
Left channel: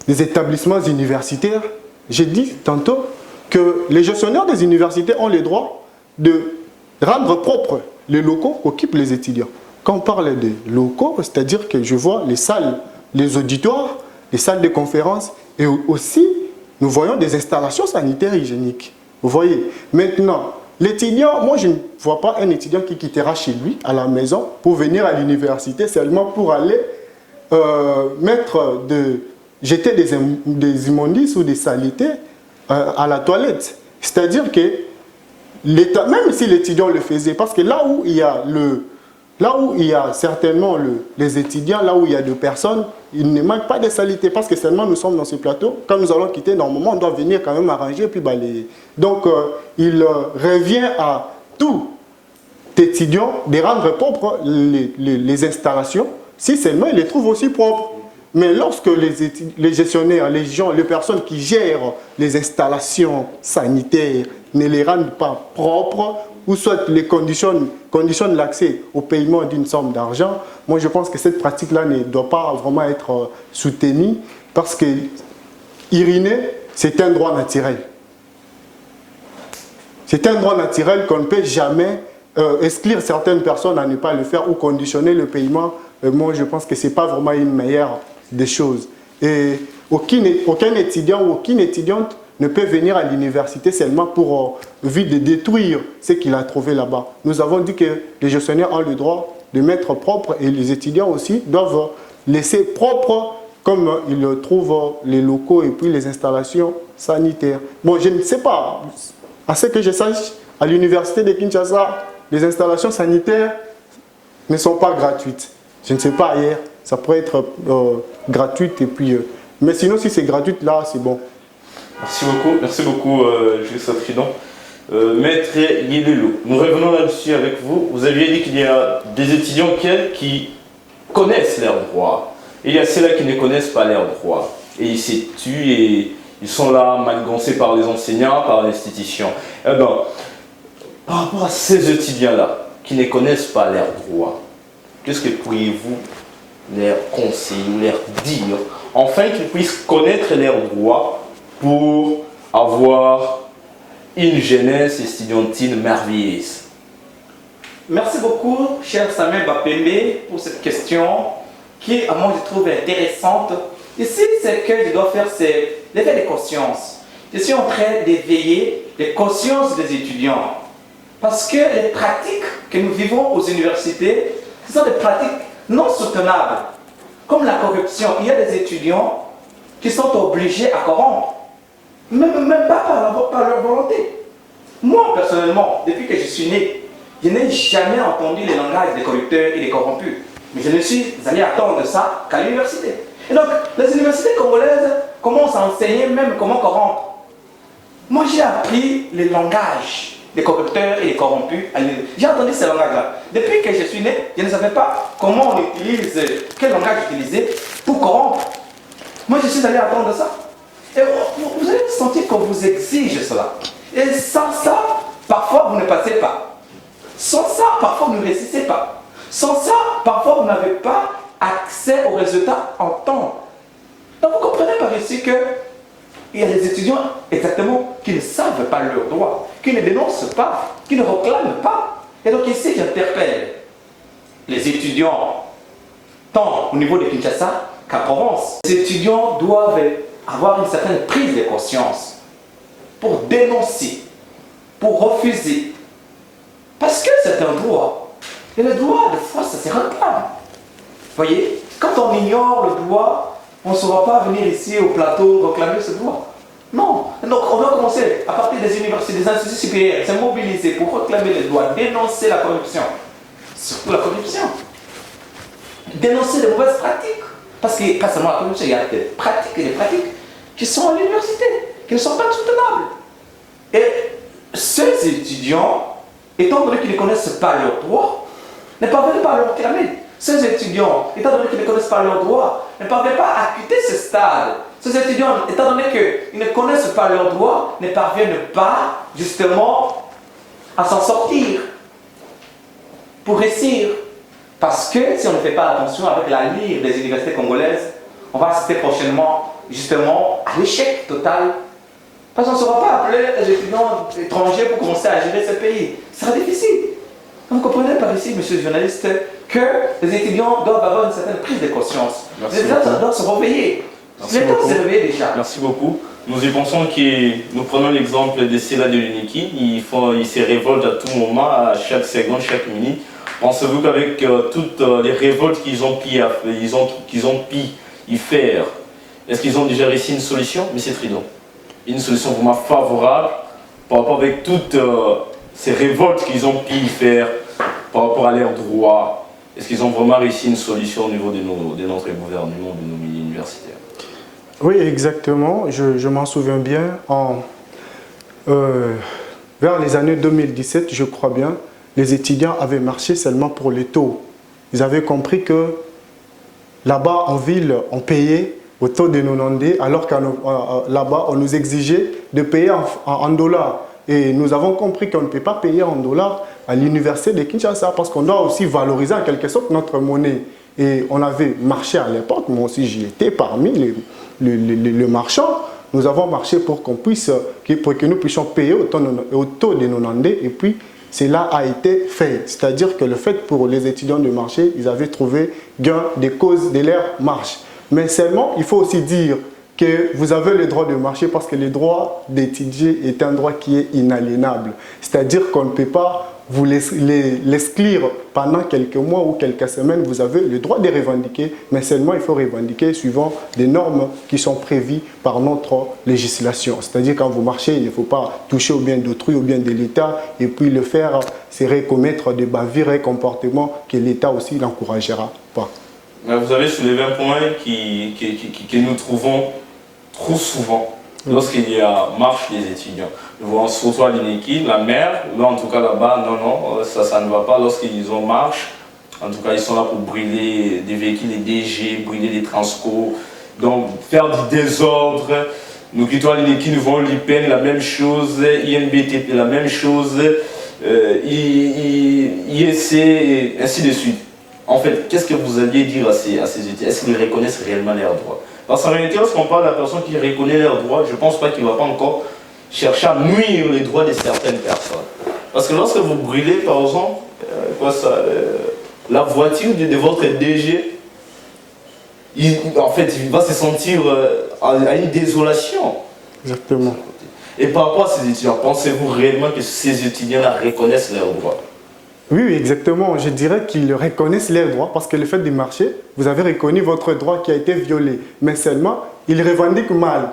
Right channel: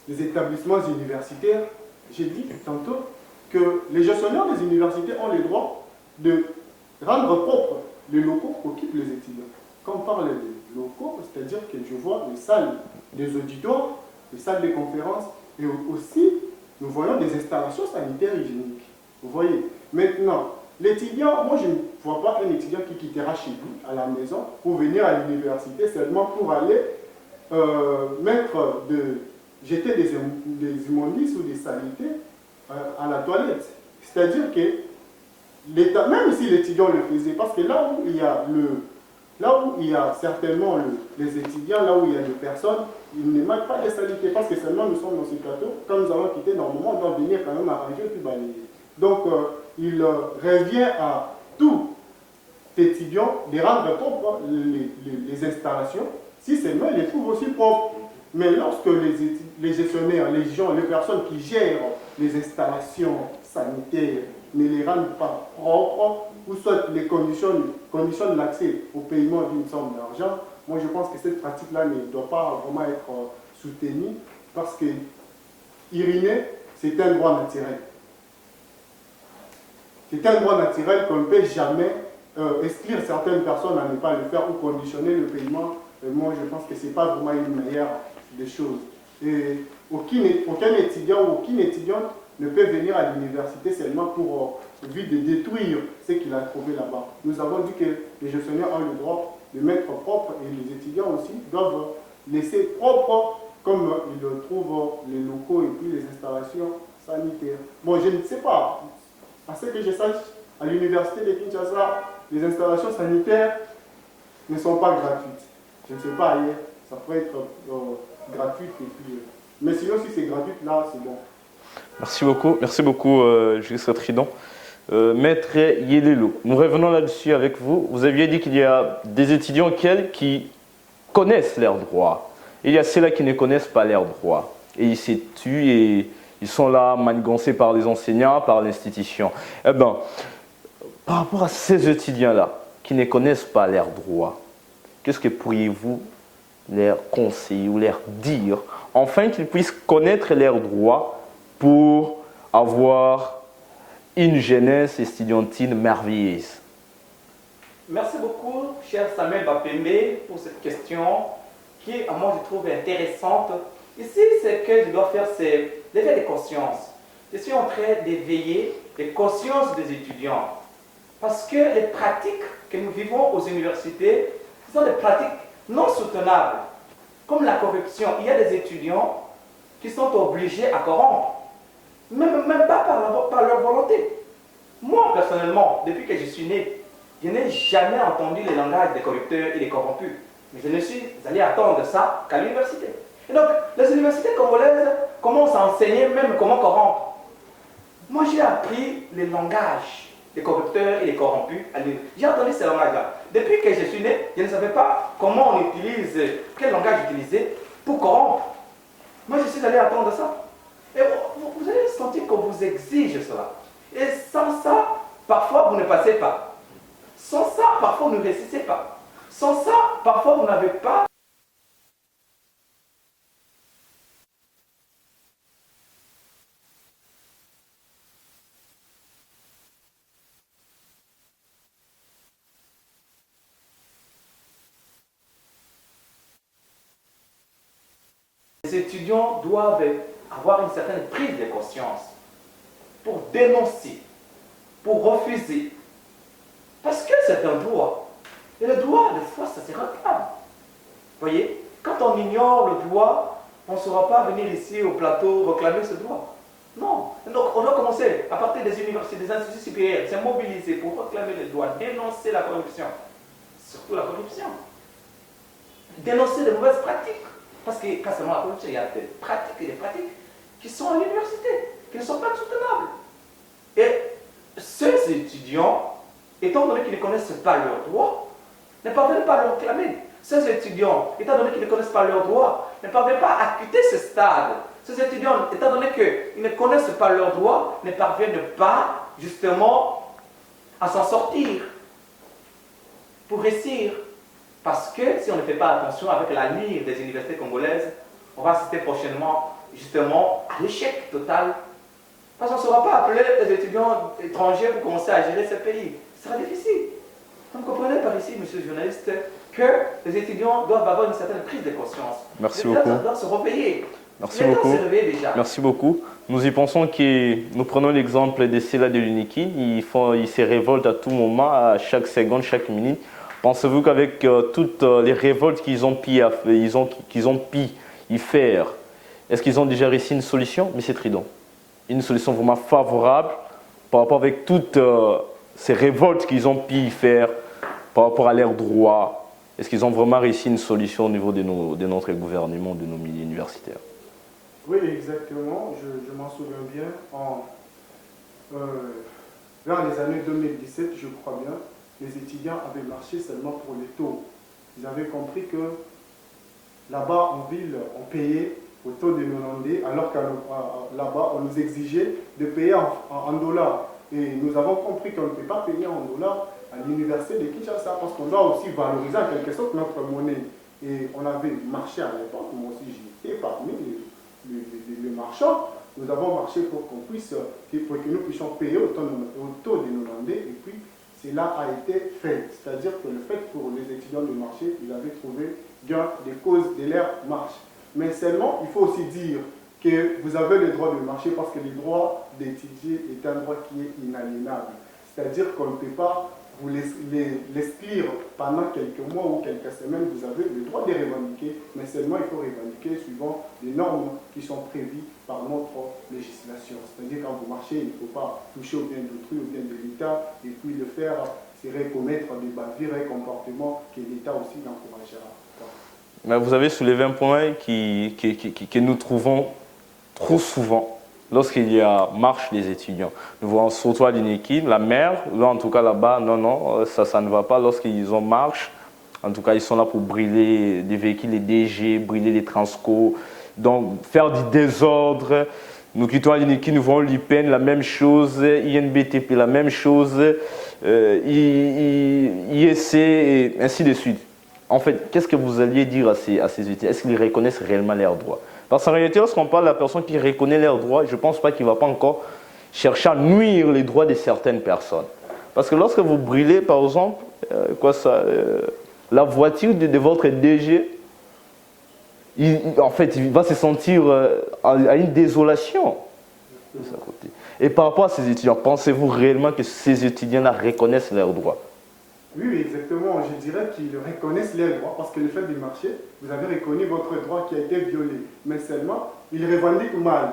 établissements universitaires, j'ai dit tantôt que les gestionnaires des universités ont le droit de rendre propres les locaux qu'occupent les étudiants. Quand on parle de locaux, c'est-à-dire que je vois les salles, les auditoires, les salles de conférences et aussi nous voyons des installations sanitaires hygiéniques. Vous voyez. Maintenant, l'étudiant, moi je ne vois pas un étudiant qui quittera chez lui, à la maison, pour venir à l'université seulement pour aller jeter des immondices ou des saletés à la toilette. C'est-à-dire que l'État, même si l'étudiant le faisait, parce que là où il y a certainement les étudiants, là où il y a des personnes, il ne manque pas de saleté, parce que seulement nous sommes dans ce plateau. Quand nous allons quitter, normalement, on doit venir quand même arranger puis balayer. Donc, il revient à tout étudiant de rendre propres les installations, si seulement il les trouve aussi propres. Mais lorsque les gestionnaires, les personnes qui gèrent les installations sanitaires ne les rendent pas propres, ou soit les conditionnent l'accès au paiement d'une somme d'argent, moi je pense que cette pratique-là ne doit pas vraiment être soutenue, parce que uriner, c'est un droit naturel. C'est un droit naturel qu'on ne peut jamais exclure certaines personnes à ne pas le faire ou conditionner le paiement. Moi je pense que ce n'est pas vraiment une meilleure des choses. Et aucun étudiant ou aucune étudiante ne peut venir à l'université seulement pour vite de détruire ce qu'il a trouvé là-bas. Nous avons dit que les gestionnaires ont le droit de mettre propre et les étudiants aussi doivent laisser propre comme ils trouvent les locaux et puis les installations sanitaires. Bon, je ne sais pas, à ce que je sache, à l'université de Kinshasa, les installations sanitaires ne sont pas gratuites. Je ne sais pas ailleurs. Ça pourrait être gratuite et puis... mais sinon, si c'est gratuit, là, c'est bon. Merci beaucoup, Juriste Tridon. Maître Yelelo, nous revenons là-dessus avec vous. Vous aviez dit qu'il y a des étudiants qui connaissent leurs droits. Et il y a ceux-là qui ne connaissent pas leurs droits. Et ils se tuent et ils sont là manigancés par les enseignants, par l'institution. Eh bien, par rapport à ces étudiants-là qui ne connaissent pas leurs droits, qu'est-ce que pourriez-vous leur conseiller ou leur dire, afin qu'ils puissent connaître leurs droits pour avoir une jeunesse estudiantine merveilleuse? Merci beaucoup, cher Samuel Bapembe, pour cette question qui, à moi, je trouve intéressante. Ici, ce que je dois faire, c'est l'éveil de conscience. Je suis en train d'éveiller les consciences des étudiants. Parce que les pratiques que nous vivons aux universités, ce sont des pratiques non soutenables. Comme la corruption, il y a des étudiants qui sont obligés à corrompre. Même pas par leur volonté. Moi, personnellement, depuis que je suis né, je n'ai jamais entendu les langages des corrupteurs et des corrompus. Mais je ne suis allé attendre ça qu'à l'université. Et donc, les universités congolaises commencent à enseigner même comment corrompre. Moi, j'ai appris les langages des corrupteurs et des corrompus. J'ai entendu ces langages-là. Depuis que je suis né, je ne savais pas comment on utilise, quel langage utiliser pour corrompre. Moi, je suis allé attendre ça. Et vous allez sentir qu'on vous exige cela. Et sans ça, parfois, vous ne passez pas. Sans ça, parfois, vous ne réussissez pas. Sans ça, parfois, vous n'avez pas accès aux résultats en temps. Donc, vous comprenez par ici que il y a des étudiants exactement qui ne savent pas leurs droits, qui ne dénoncent pas, qui ne réclament pas. Et donc ici, j'interpelle les étudiants, tant au niveau de Kinshasa qu'à Provence. Les étudiants doivent avoir une certaine prise de conscience pour dénoncer, pour refuser. Parce que c'est un droit. Et le droit, des fois, ça se réclame. Vous voyez, quand on ignore le droit, on ne saura pas venir ici au plateau réclamer ce droit. Non. Donc on doit commencer à partir des universités, des instituts supérieurs, se mobiliser pour réclamer les droits, dénoncer la corruption. Surtout la corruption. Dénoncer les mauvaises pratiques. Parce que pas seulement la corruption, il y a des pratiques et des pratiques qui sont à l'université, qui ne sont pas soutenables. Et ces étudiants, étant donné qu'ils ne connaissent pas leurs droits, ne parviennent pas à leur réclamer. Ces étudiants, étant donné qu'ils ne connaissent pas leurs droits, ne parviennent pas à quitter ce stade. Ces étudiants, étant donné qu'ils ne connaissent pas leurs droits, ne parviennent pas justement à s'en sortir pour réussir. Parce que si on ne fait pas attention avec l'avenir des universités congolaises, on va assister prochainement justement à l'échec total. Parce qu'on ne saura pas appeler les étudiants étrangers pour commencer à gérer ce pays. Ce sera difficile. Vous comprenez par ici, monsieur le journaliste, que les étudiants doivent avoir une certaine prise de conscience. Merci les étudiants doivent se réveiller. Merci beaucoup. Merci beaucoup. Nous y pensons que nous prenons l'exemple des Céla de l'Uniki. Ils se révoltent à tout moment, à chaque seconde, chaque minute. Pensez-vous qu'avec toutes les révoltes qu'ils ont pu y faire, est-ce qu'ils ont déjà réussi une solution? Mais c'est Tridon. Une solution vraiment favorable par rapport avec toutes ces révoltes qu'ils ont pu y faire par rapport à leurs droits. Est-ce qu'ils ont vraiment réussi une solution au niveau de notre gouvernement, de nos milieux universitaires? Oui, exactement. Je m'en souviens bien. Vers les années 2017, je crois bien, les étudiants avaient marché seulement pour les taux. Ils avaient compris que là-bas en ville, on payait au taux de 90, alors que là-bas, on nous exigeait de payer en dollars. Et nous avons compris qu'on ne peut pas payer en dollars à l'université de Kinshasa parce qu'on doit aussi valoriser en quelque sorte notre monnaie. Et on avait marché à l'époque, moi aussi j'y étais parmi les marchands. Nous avons marché pour qu'on puisse, pour que nous puissions payer au taux de 90 et puis cela a été fait. C'est-à-dire que le fait pour les étudiants de marché, ils avaient trouvé gain des causes de leur marche. Mais seulement, il faut aussi dire que vous avez le droit de marcher parce que le droit d'étudier est un droit qui est inaliénable. C'est-à-dire qu'on ne peut pas vous l'exclure pendant quelques mois ou quelques semaines. Vous avez le droit de revendiquer, mais seulement il faut revendiquer suivant des normes qui sont prévues par notre législation. C'est-à-dire quand vous marchez, il ne faut pas toucher au bien d'autrui, au bien de l'État, et puis le faire serait commettre des bavures et comportements que l'État aussi n'encouragera pas. Vous avez soulevé un point que nous trouvons trop souvent lorsqu'il y a marche des étudiants. Nous voyons surtout à l'Iniki, la mer, là en tout cas là-bas, non, ça ne va pas. Lorsqu'ils ont marche, en tout cas ils sont là pour brûler des véhicules, des DG, brûler des transco, donc faire du désordre. Nous quittons à l'Iniki, nous voyons l'IPN, la même chose, INBTP, la même chose, IEC, et ainsi de suite. En fait, qu'est-ce que vous alliez dire à ces étudiants? Est-ce qu'ils reconnaissent réellement leurs droits? Parce qu'en réalité, lorsqu'on parle de la personne qui reconnaît leurs droits, je ne pense pas qu'il ne va pas encore chercher à nuire les droits de certaines personnes. Parce que lorsque vous brûlez, par exemple, la voiture de votre DG, en fait, il va se sentir à une désolation. Exactement. Et par rapport à ces étudiants, pensez-vous réellement que ces étudiants-là reconnaissent leurs droits? Oui, exactement. Je dirais qu'ils reconnaissent leurs droits parce que le fait de marcher, vous avez reconnu votre droit qui a été violé. Mais seulement, ils revendiquent mal.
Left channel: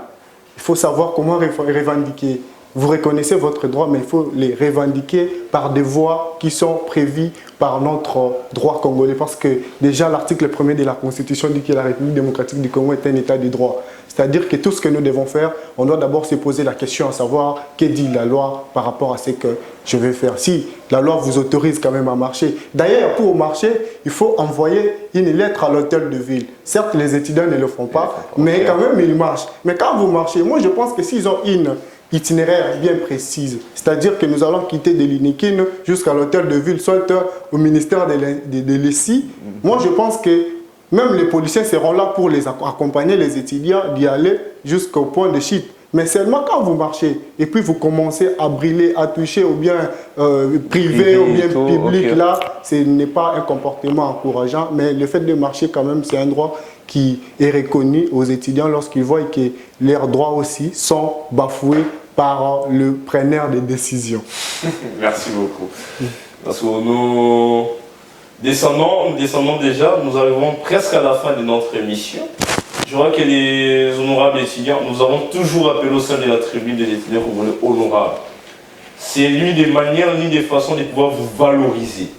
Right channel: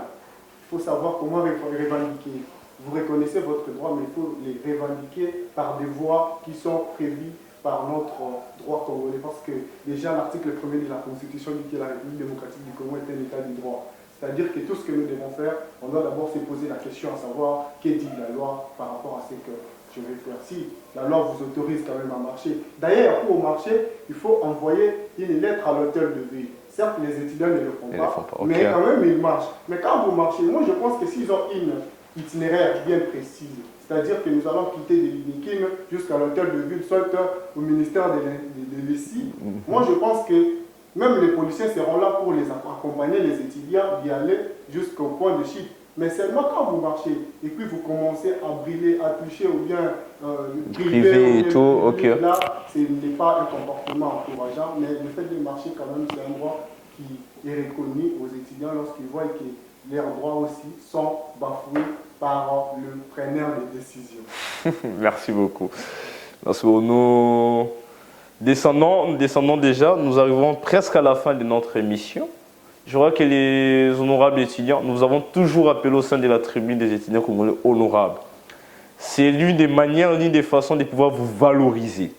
Il faut savoir comment revendiquer. Vous reconnaissez votre droit, mais il faut les revendiquer par des voies qui sont prévues par notre droit congolais. Parce que déjà, l'article 1er de la Constitution dit que la République démocratique du Congo est un état de droit. C'est-à-dire que tout ce que nous devons faire, on doit d'abord se poser la question à savoir que dit la loi par rapport à ce que je vais faire. Si la loi vous autorise quand même à marcher. D'ailleurs, pour marcher, il faut envoyer une lettre à l'hôtel de ville. Certes, les étudiants ne le font pas, mais quand même, ils marchent. Mais quand vous marchez, moi je pense que s'ils ont une itinéraire bien précise, c'est-à-dire que nous allons quitter de l'Inikine jusqu'à l'hôtel de ville, soit au ministère de l'ESI, moi je pense que même les policiers seront là pour les accompagner les étudiants d'y aller jusqu'au point de chute. Mais seulement quand vous marchez et puis vous commencez à brûler, à toucher au bien privé, au bien public, là, ce n'est pas un comportement encourageant. Mais le fait de marcher quand même, c'est un droit qui est reconnu aux étudiants lorsqu'ils voient que leurs droits aussi sont bafoués par le preneur de décision. Merci beaucoup. Parce que nous descendons déjà, nous arrivons presque à la fin de notre émission. Je crois que les honorables étudiants, nous avons toujours appelé au sein de la tribune des étudiants congolais honorables. C'est l'une des manières, l'une des façons de pouvoir vous valoriser.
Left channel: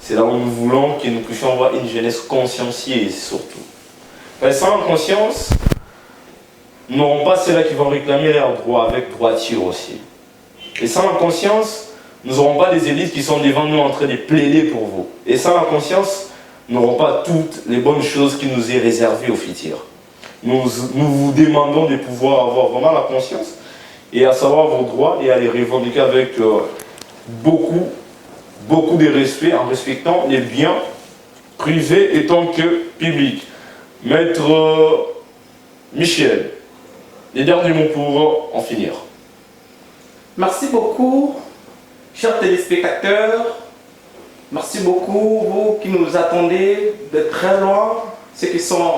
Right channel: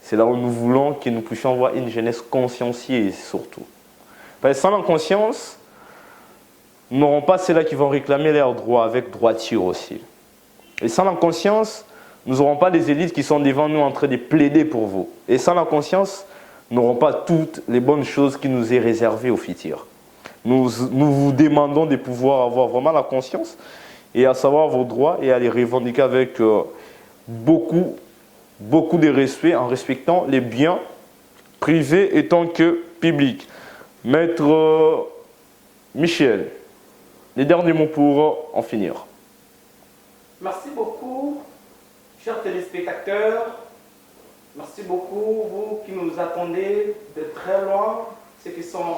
C'est là où nous voulons que nous puissions avoir une jeunesse consciencieuse surtout. Sans la conscience, nous n'aurons pas ceux-là qui vont réclamer leurs droits avec droiture aussi. Et sans la conscience, nous n'aurons pas des élites qui sont devant nous en train de plaider pour vous. Et sans la conscience, nous n'aurons pas toutes les bonnes choses qui nous est réservées au futur. Nous vous demandons de pouvoir avoir vraiment la conscience et à savoir vos droits et à les revendiquer avec beaucoup de respect en respectant les biens privés étant que publics. Maître Michel, les derniers mots pour en finir. Merci beaucoup, chers téléspectateurs. Merci beaucoup, vous qui nous attendez de très loin, ceux qui sont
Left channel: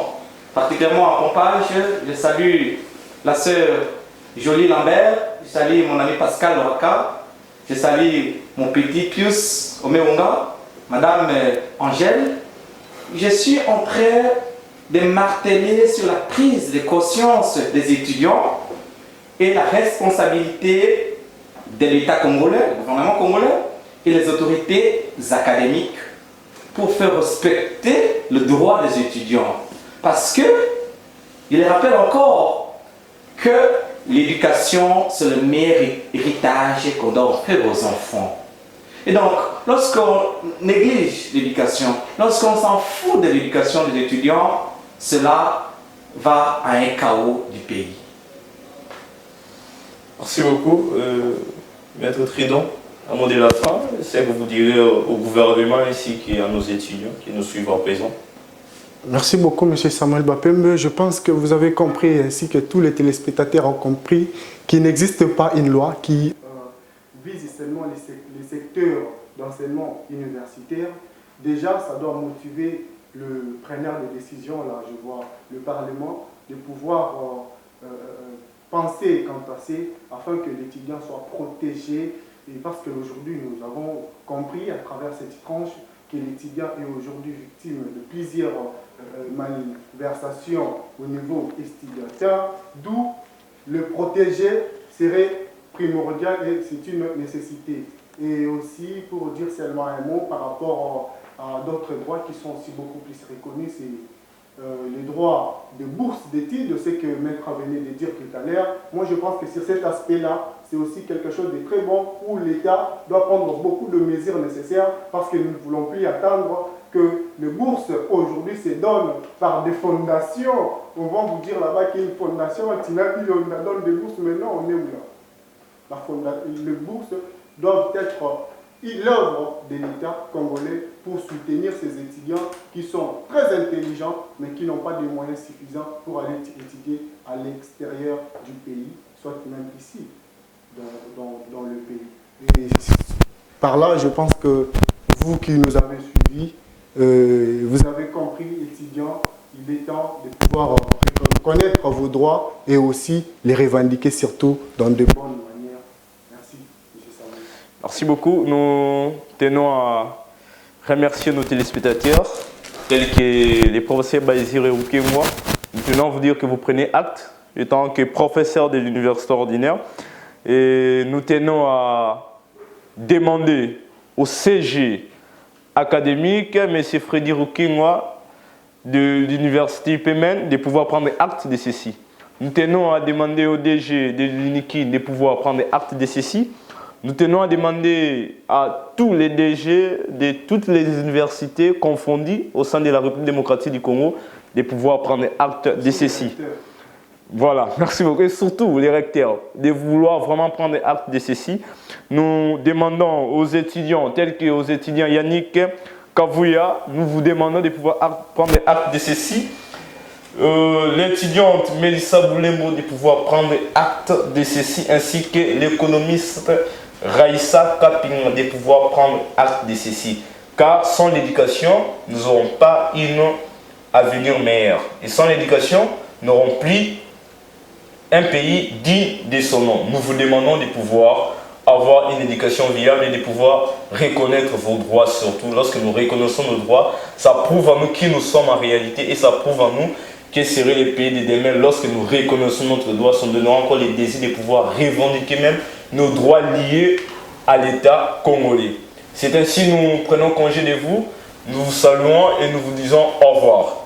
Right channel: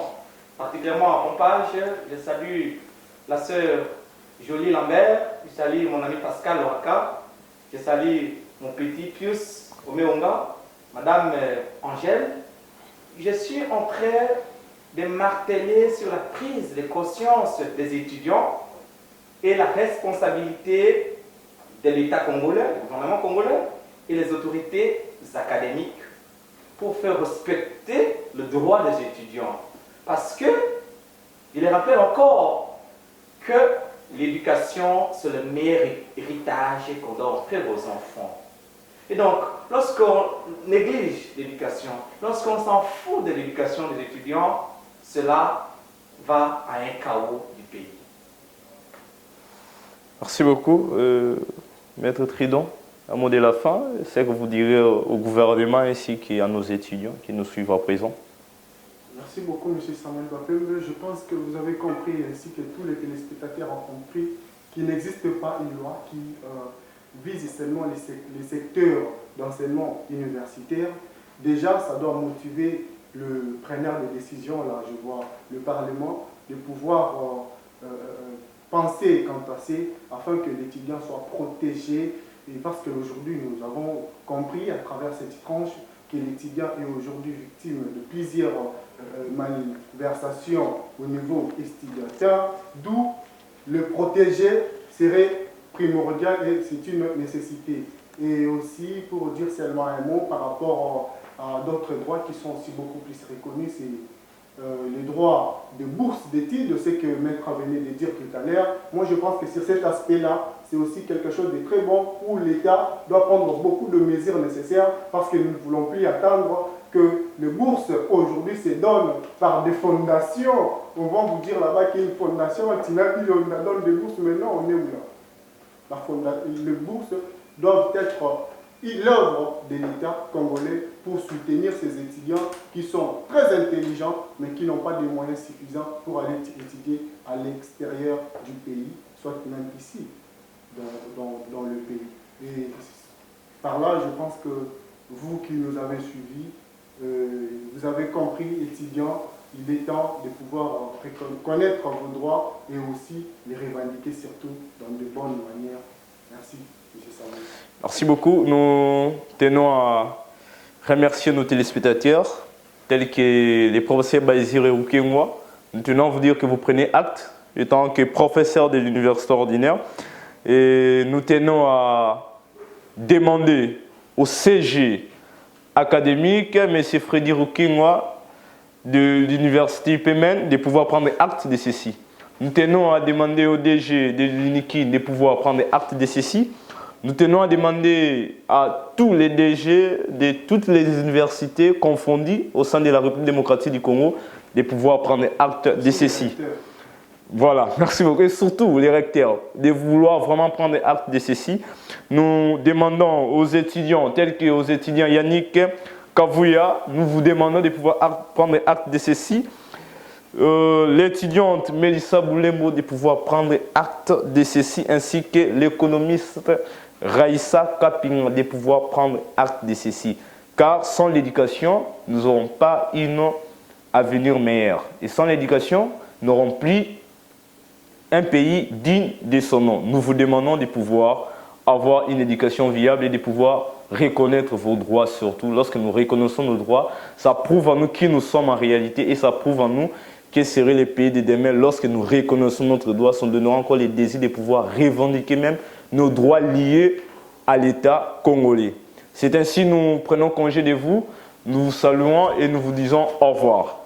particulièrement en Pompage. Je salue la sœur Jolie Lambert, je salue mon ami Pascal Waka, je salue mon petit Pius Omewonga, Madame Angèle. Je suis en train de marteler sur la prise de conscience des étudiants et la responsabilité de l'État congolais, le gouvernement congolais et les autorités académiques pour faire respecter le droit des étudiants. Parce que, il rappelle encore que l'éducation, c'est le meilleur héritage qu'on doit offrir aux enfants. Et donc, lorsqu'on néglige l'éducation, lorsqu'on s'en fout de l'éducation des étudiants, cela va à un chaos du pays. Merci beaucoup, Maître Tridon. À mot de la fin, c'est que vous direz au gouvernement ainsi qu'à nos étudiants qui nous suivent à présent. Merci beaucoup, M. Samuel Bapembe. Je pense que vous avez compris, ainsi que tous les téléspectateurs ont compris, qu'il n'existe pas une loi qui vise seulement les secteurs d'enseignement universitaire. Déjà, ça doit motiver le preneur de décision, là, je vois le Parlement, de pouvoir penser quant à ça, afin que l'étudiant soit protégé. Et parce qu'aujourd'hui, nous avons compris à travers cette tranche que l'étudiant est aujourd'hui victime de plusieurs malversations au niveau estudiantin, d'où le protéger serait primordial et c'est une nécessité. Et aussi, pour dire seulement un mot par rapport à d'autres droits qui sont aussi beaucoup plus reconnus, c'est les droits de bourse d'études, ce que Maître venait de dire tout à l'heure. Moi, je pense que sur cet aspect-là, c'est aussi quelque chose de très bon où l'État doit prendre beaucoup de mesures nécessaires parce que nous ne voulons plus attendre que les bourses aujourd'hui se donnent par des fondations. On va vous dire là-bas qu'il y a une fondation, Tina, on donne des bourses, maintenant on est où là? Les bourses doivent être l'œuvre de l'État congolais pour soutenir ces étudiants qui sont très intelligents mais qui n'ont pas de moyens suffisants pour aller étudier à l'extérieur du pays, soit même ici, dans le pays. Et par là, je pense que vous qui nous avez suivis, vous avez compris, étudiants, il est temps de pouvoir connaître vos droits et aussi les revendiquer surtout dans de bonnes manières. Merci, M. Samuel. Merci beaucoup. Nous tenons à remercier nos téléspectateurs, tels que les professeurs Baïsir et Rouké-moi. Nous tenons à vous dire que vous prenez acte, étant que professeur de l'université ordinaire. Et nous tenons à demander au CG académique, M. Freddy Rouké-moi, de l'université UPMN, de pouvoir prendre acte de ceci. Nous tenons à demander au DG de l'UNIKI de pouvoir prendre acte de ceci. Nous tenons à demander à tous les DG de toutes les universités confondues au sein de la République démocratique du Congo de pouvoir prendre acte de ceci. Voilà, merci beaucoup. Et surtout les recteurs de vouloir vraiment prendre acte de ceci. Nous demandons aux étudiants, tels que aux étudiants Yannick Kavouya, nous vous demandons de pouvoir prendre acte de ceci. L'étudiante Mélissa Boulembo de pouvoir prendre acte de ceci, ainsi que l'économiste Raïssa Kaping de pouvoir prendre acte de ceci. Car sans l'éducation, nous n'aurons pas un avenir meilleur. Et sans l'éducation, nous n'aurons plus un pays digne de son nom. Nous vous demandons de pouvoir avoir une éducation viable et de pouvoir reconnaître vos droits surtout. Lorsque nous reconnaissons nos droits, ça prouve à nous qui nous sommes en réalité et ça prouve à nous quel serait le pays de demain lorsque nous reconnaissons notre droit, sans donner encore le désir de pouvoir revendiquer même nos droits liés à l'État congolais. C'est ainsi que nous prenons congé de vous, nous vous saluons et nous vous disons au revoir.